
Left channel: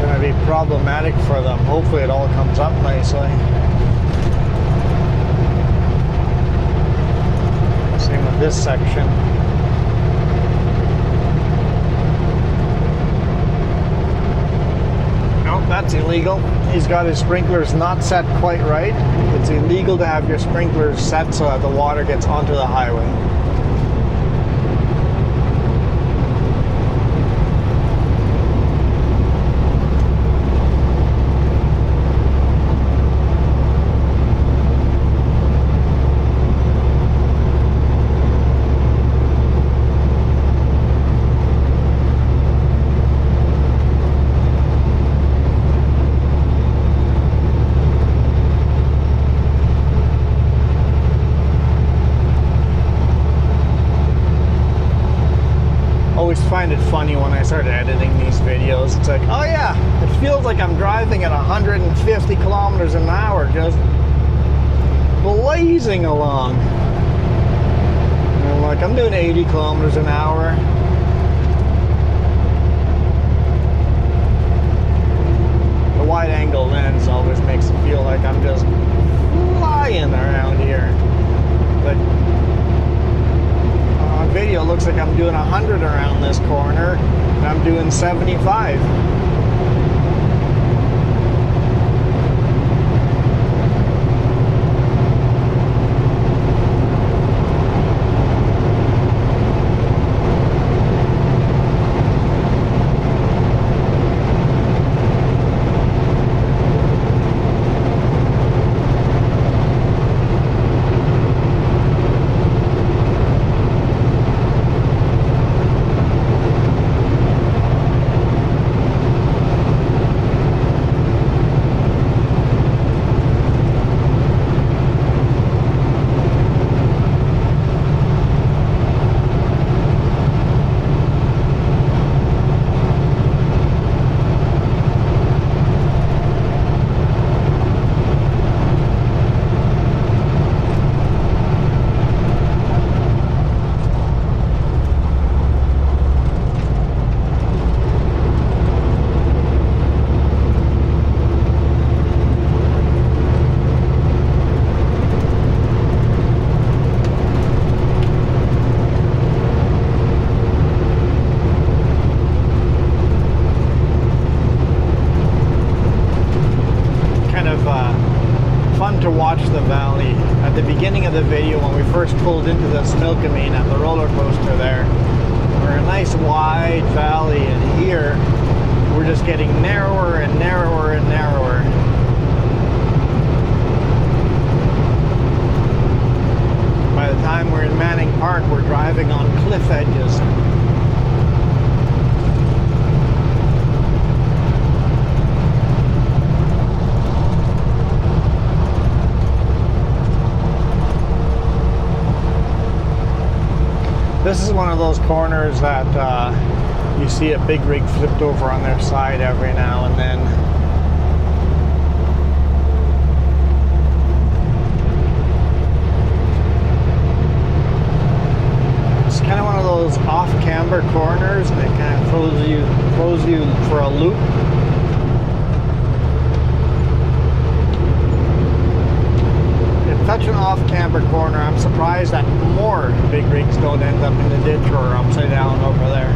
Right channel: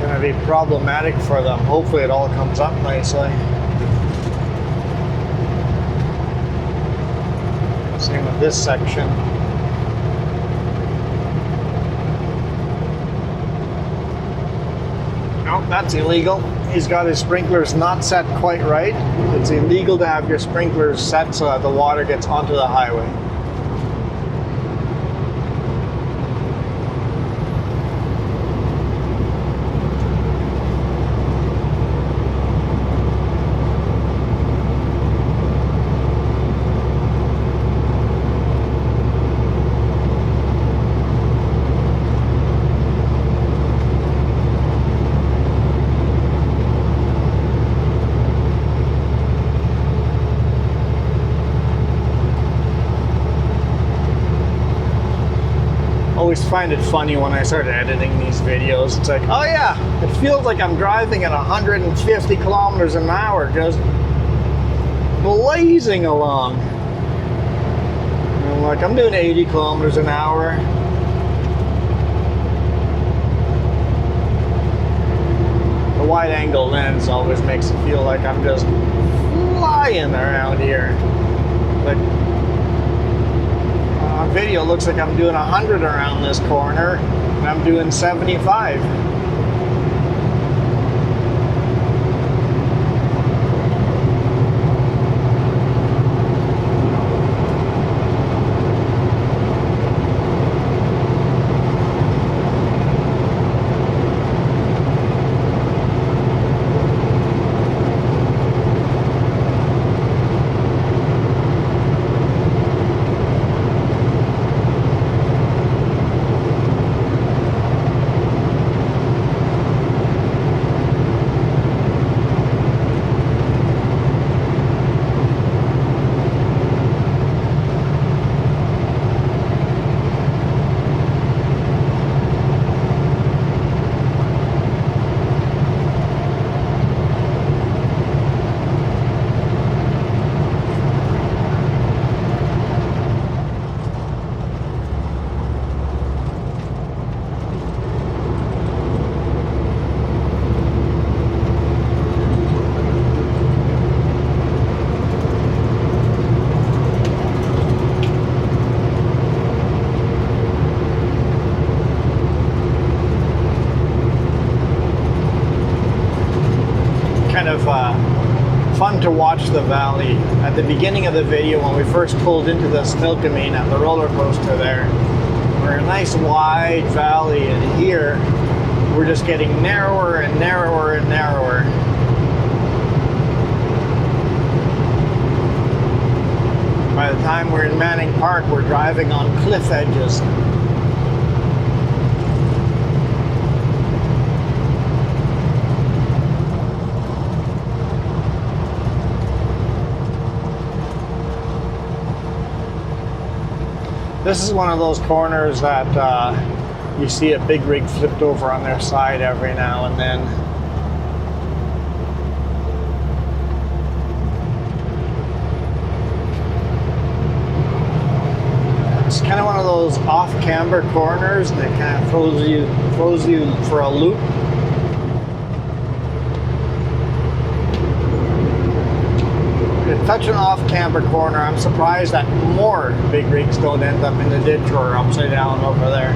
gonna be problematic for them. Hopefully it all comes up nicely. Same with this section. That's illegal. He's got his sprinklers not set quite right. It's illegal to have your sprinklers set so that the water gets onto the highway. Find it funny when I started editing these videos. It's like, oh yeah, it feels like I'm driving at 150 kilometers an hour, just blazing along. And I'm like, I'm doing 80 kilometers an hour. The wide angle lens always makes it feel like I'm just flying around here. Like, video looks like I'm doing 100 around this corner and I'm doing 75. milking me at the roller coaster there. We're in a nice wide valley, and here we're just getting narrower and narrower and narrower. By the time we're in Manning Park, we're driving on cliff edges. This is one of those corners that you see a big rig flipped over on their side every now and then. It's kind of one of those off-camber corners, and it kind of throws you for a loop. Such an off-camber corner, I'm surprised that more big rigs don't end up in the ditch or upside down over there.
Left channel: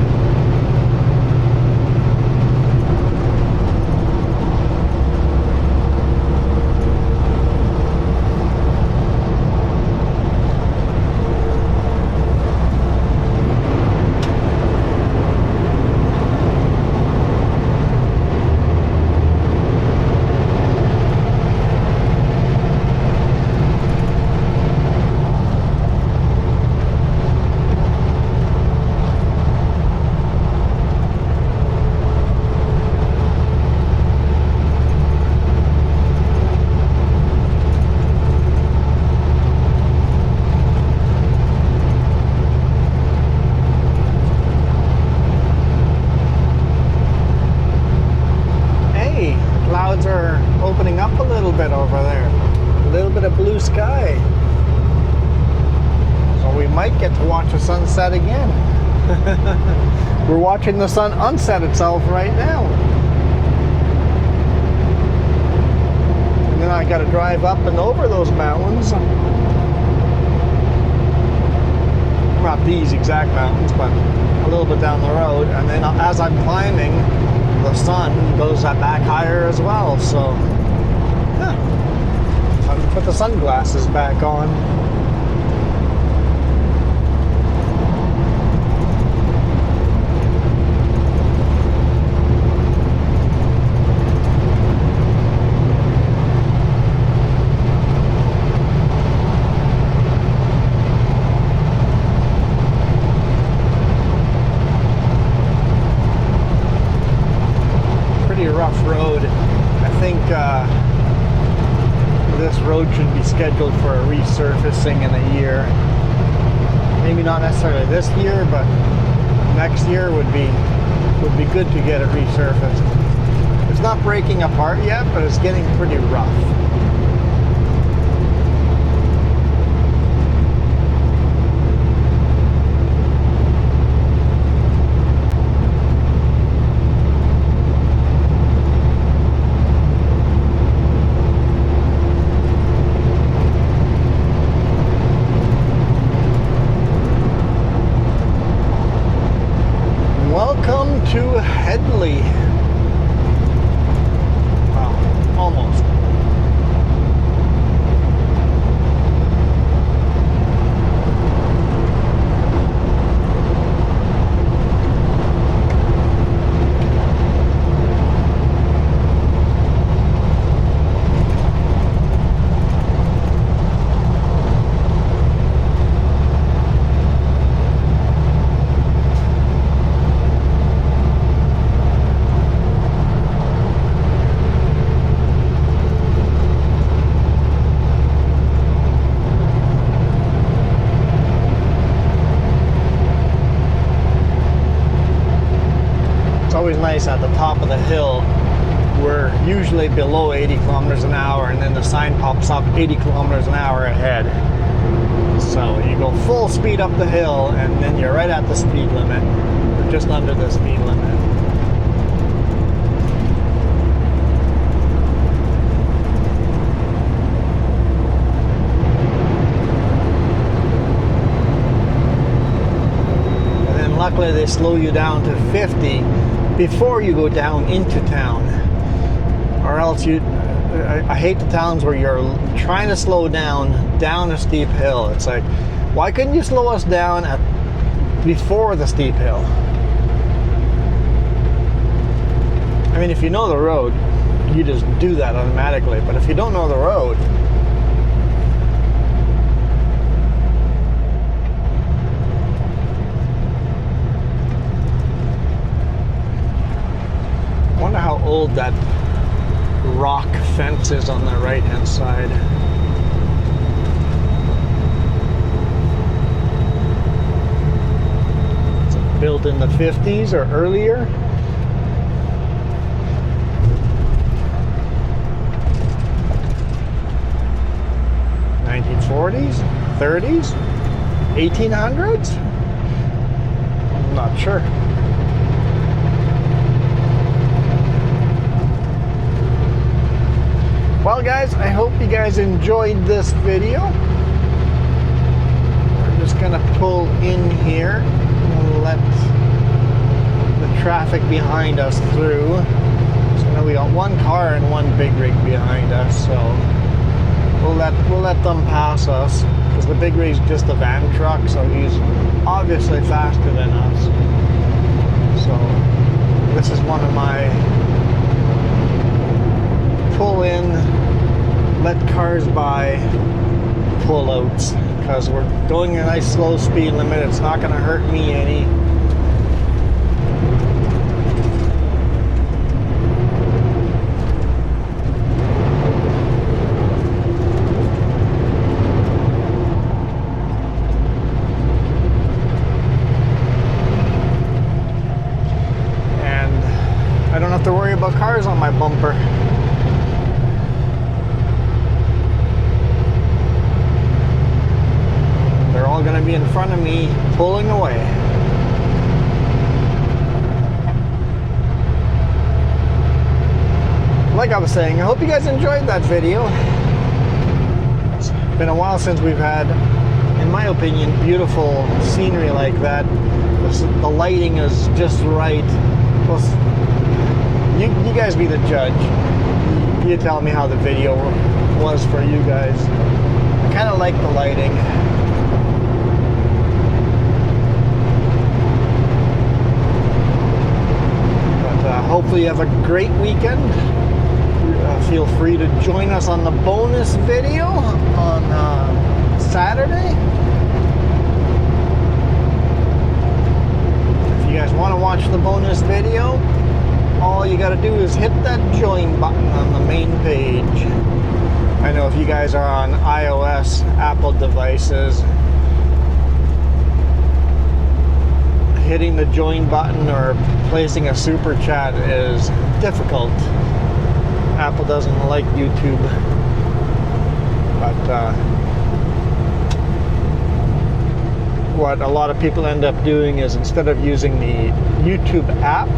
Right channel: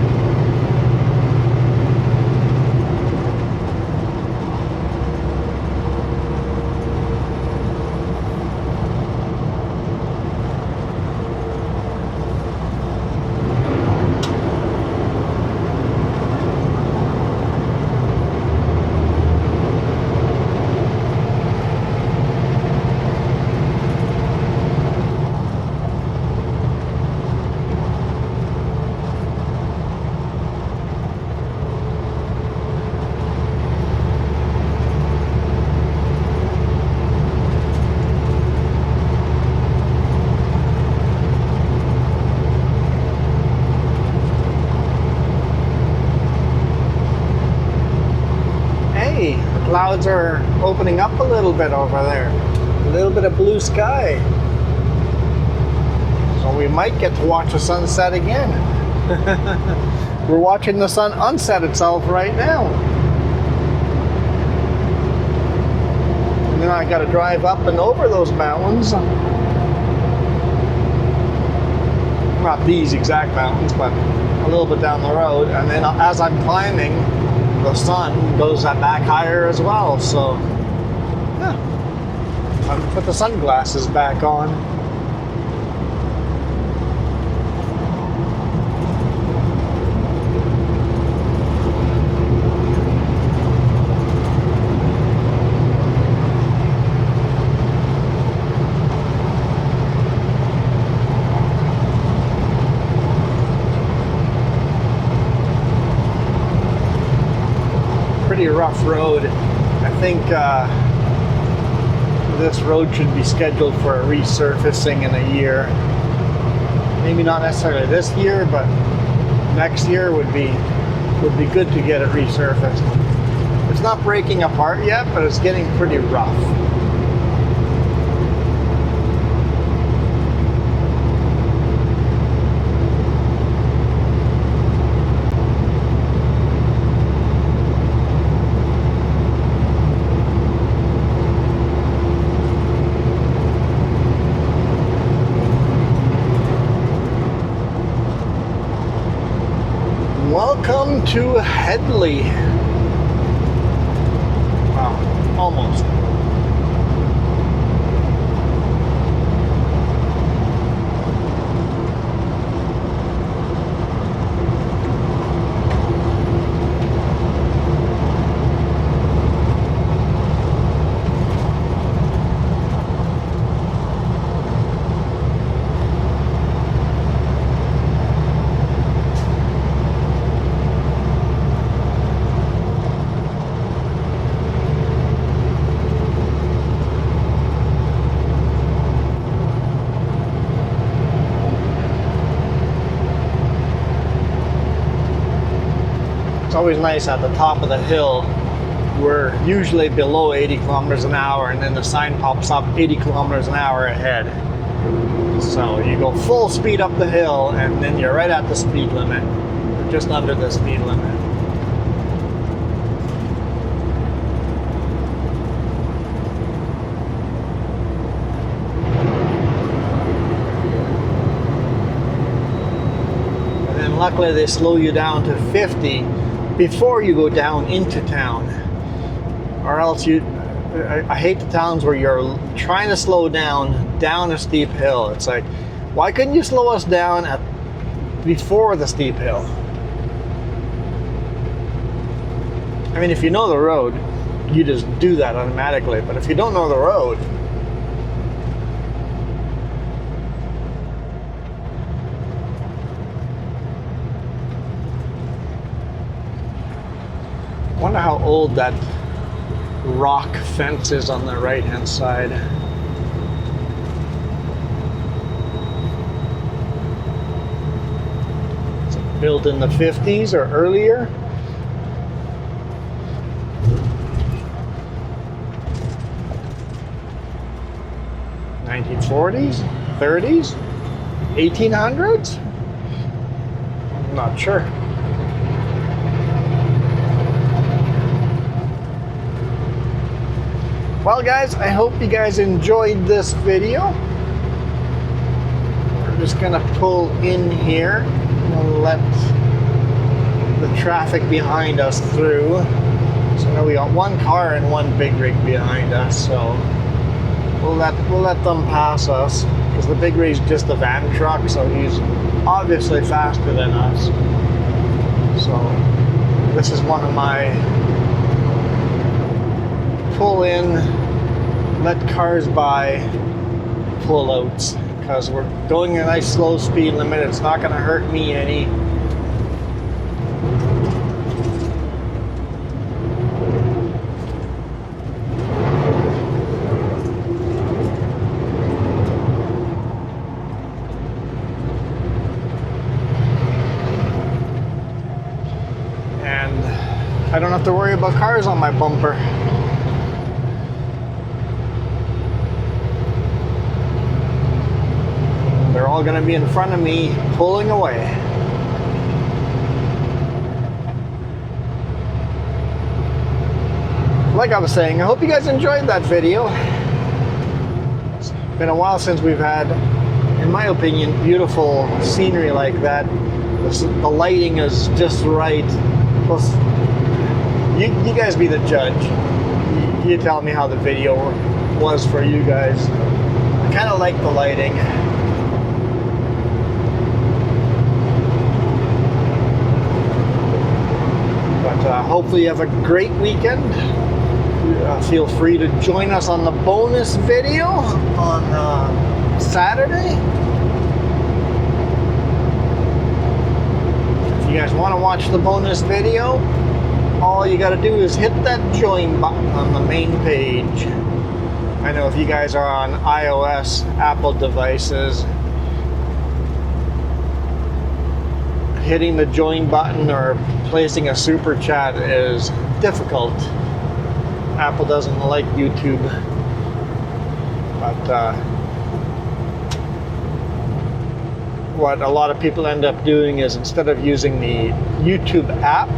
Clouds are opening up a little bit over there. A little bit of blue sky. So we might get to watch the sunset again. We're watching the sun unset itself right now. And then I gotta drive up and over those mountains. Not these exact mountains, but a little bit down the road. And then as I'm climbing, the sun goes back higher as well, so time to put the sunglasses back on. Rough road. I think this road should be scheduled for a resurfacing in a year. Maybe not necessarily this year, but next year would be good to get it resurfaced. It's not breaking apart yet, but it's getting pretty rough. Wow, almost. Always nice at the top of the hill. We're usually below 80 kilometers an hour, and then the sign pops up 80 kilometers an hour ahead. So you go full speed up the hill, and then you're right at the speed limit, or just under the speed limit. And then luckily they slow you down to 50 before you go down into town, or else I hate the towns where you're trying to slow down a steep hill. It's like Why couldn't you slow us down before the steep hill? I mean, if you know the road, you just do that automatically. But if you don't know the road, I wonder how old that rock fence is on the right-hand side. Is it built in the 50s or earlier? '40s, 30s, 1800s? I'm not sure. Well, guys, I hope you guys enjoyed this video. We're just gonna pull in here and let the traffic behind us through. So now we got one car and one big rig behind us, so we'll let them pass us, because the big rig's just a van truck, so he's obviously faster than us. So this is one of my pull in, let cars by pullouts, because we're going a nice slow speed limit. It's not going to hurt me any. And I don't have to worry about cars on my bumper. Going to be in front of me pulling away. Like I was saying, I hope you guys enjoyed that video. It's been a while since we've had, in my opinion, beautiful scenery like that. The lighting is just right. Plus, you guys be the judge. You tell me how the video was for you guys. I kind of like the lighting. Hopefully you have a great weekend. Feel free to join us on the bonus video on Saturday. If you guys want to watch the bonus video, all you got to do is hit that join button on the main page. I know if you guys are on iOS, Apple devices, hitting the join button or placing a super chat is difficult. Apple doesn't like YouTube, but what a lot of people end up doing is, instead of using the YouTube app,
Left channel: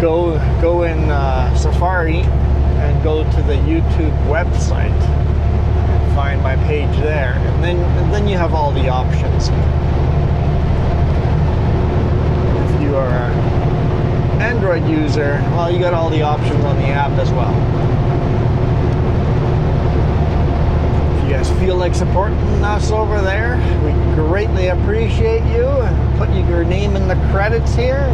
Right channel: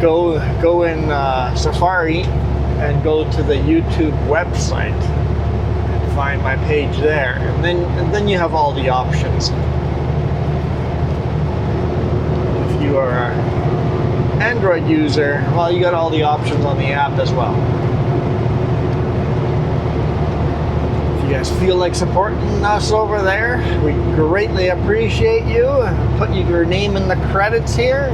go in Safari and go to the YouTube website and find my page there, and then you have all the options. You are an Android user, well, you got all the options on the app as well. If you guys feel like supporting us over there, we greatly appreciate you. Put your name in the credits here.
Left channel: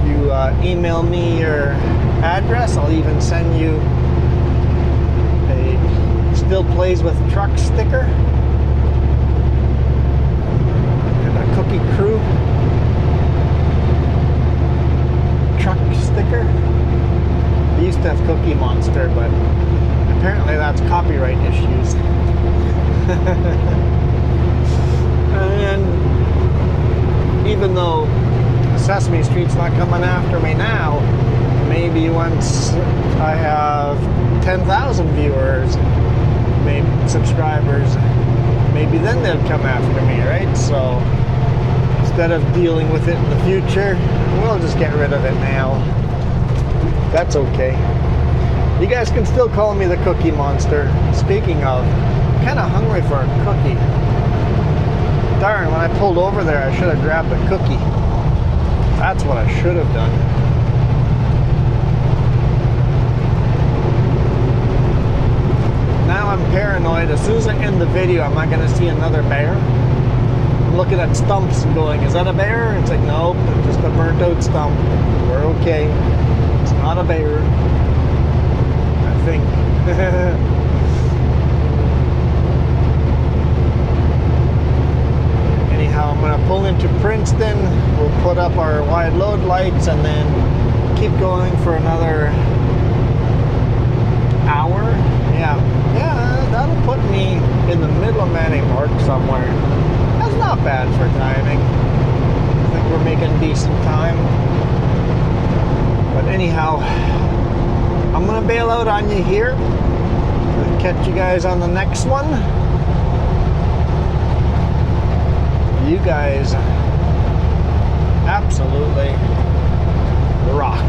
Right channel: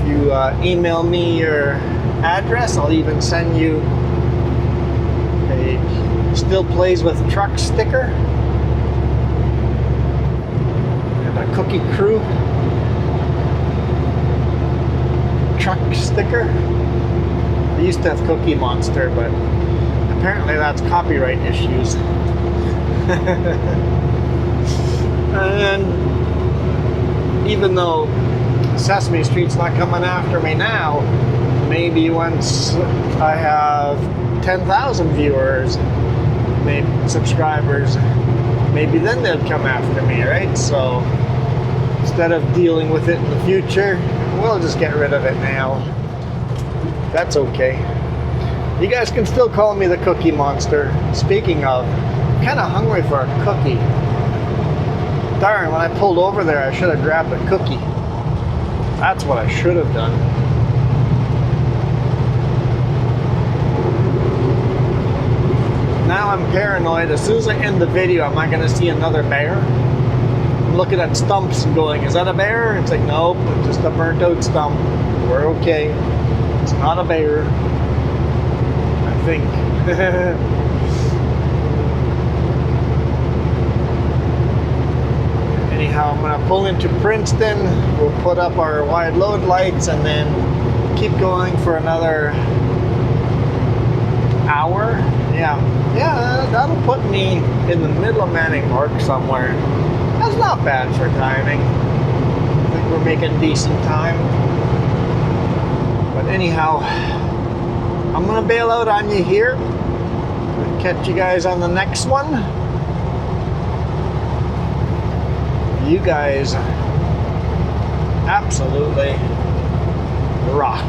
If you email me your address, I'll even send you a Still Plays with Truck sticker and a Cookie Crew truck sticker. They used to have Cookie Monster, but apparently that's copyright issues. And then, even though Sesame Street's not coming after me now, maybe once I have 10,000 viewers, maybe subscribers, maybe then they'll come after me, right? So instead of dealing with it in the future, we'll just get rid of it now. That's okay. You guys can still call me the Cookie Monster. Speaking of, I'm kind of hungry for a cookie. Darn, when I pulled over there, I should have grabbed a cookie. That's what I should have done. Now I'm paranoid right, as soon as I end the video, am I going to see another bear? I'm looking at stumps and going, is that a bear? It's like, nope, it's just a burnt out stump. We're okay. It's not a bear, I think. Anyhow, I'm going to pull into Princeton. We'll put up our wide load lights and then keep going for another hour. Yeah, that'll put me in the middle of Manning Park somewhere. That's not bad for timing. I think we're making decent time. But anyhow, I'm gonna bail out on you here. I'll catch you guys on the next one. You guys absolutely rock.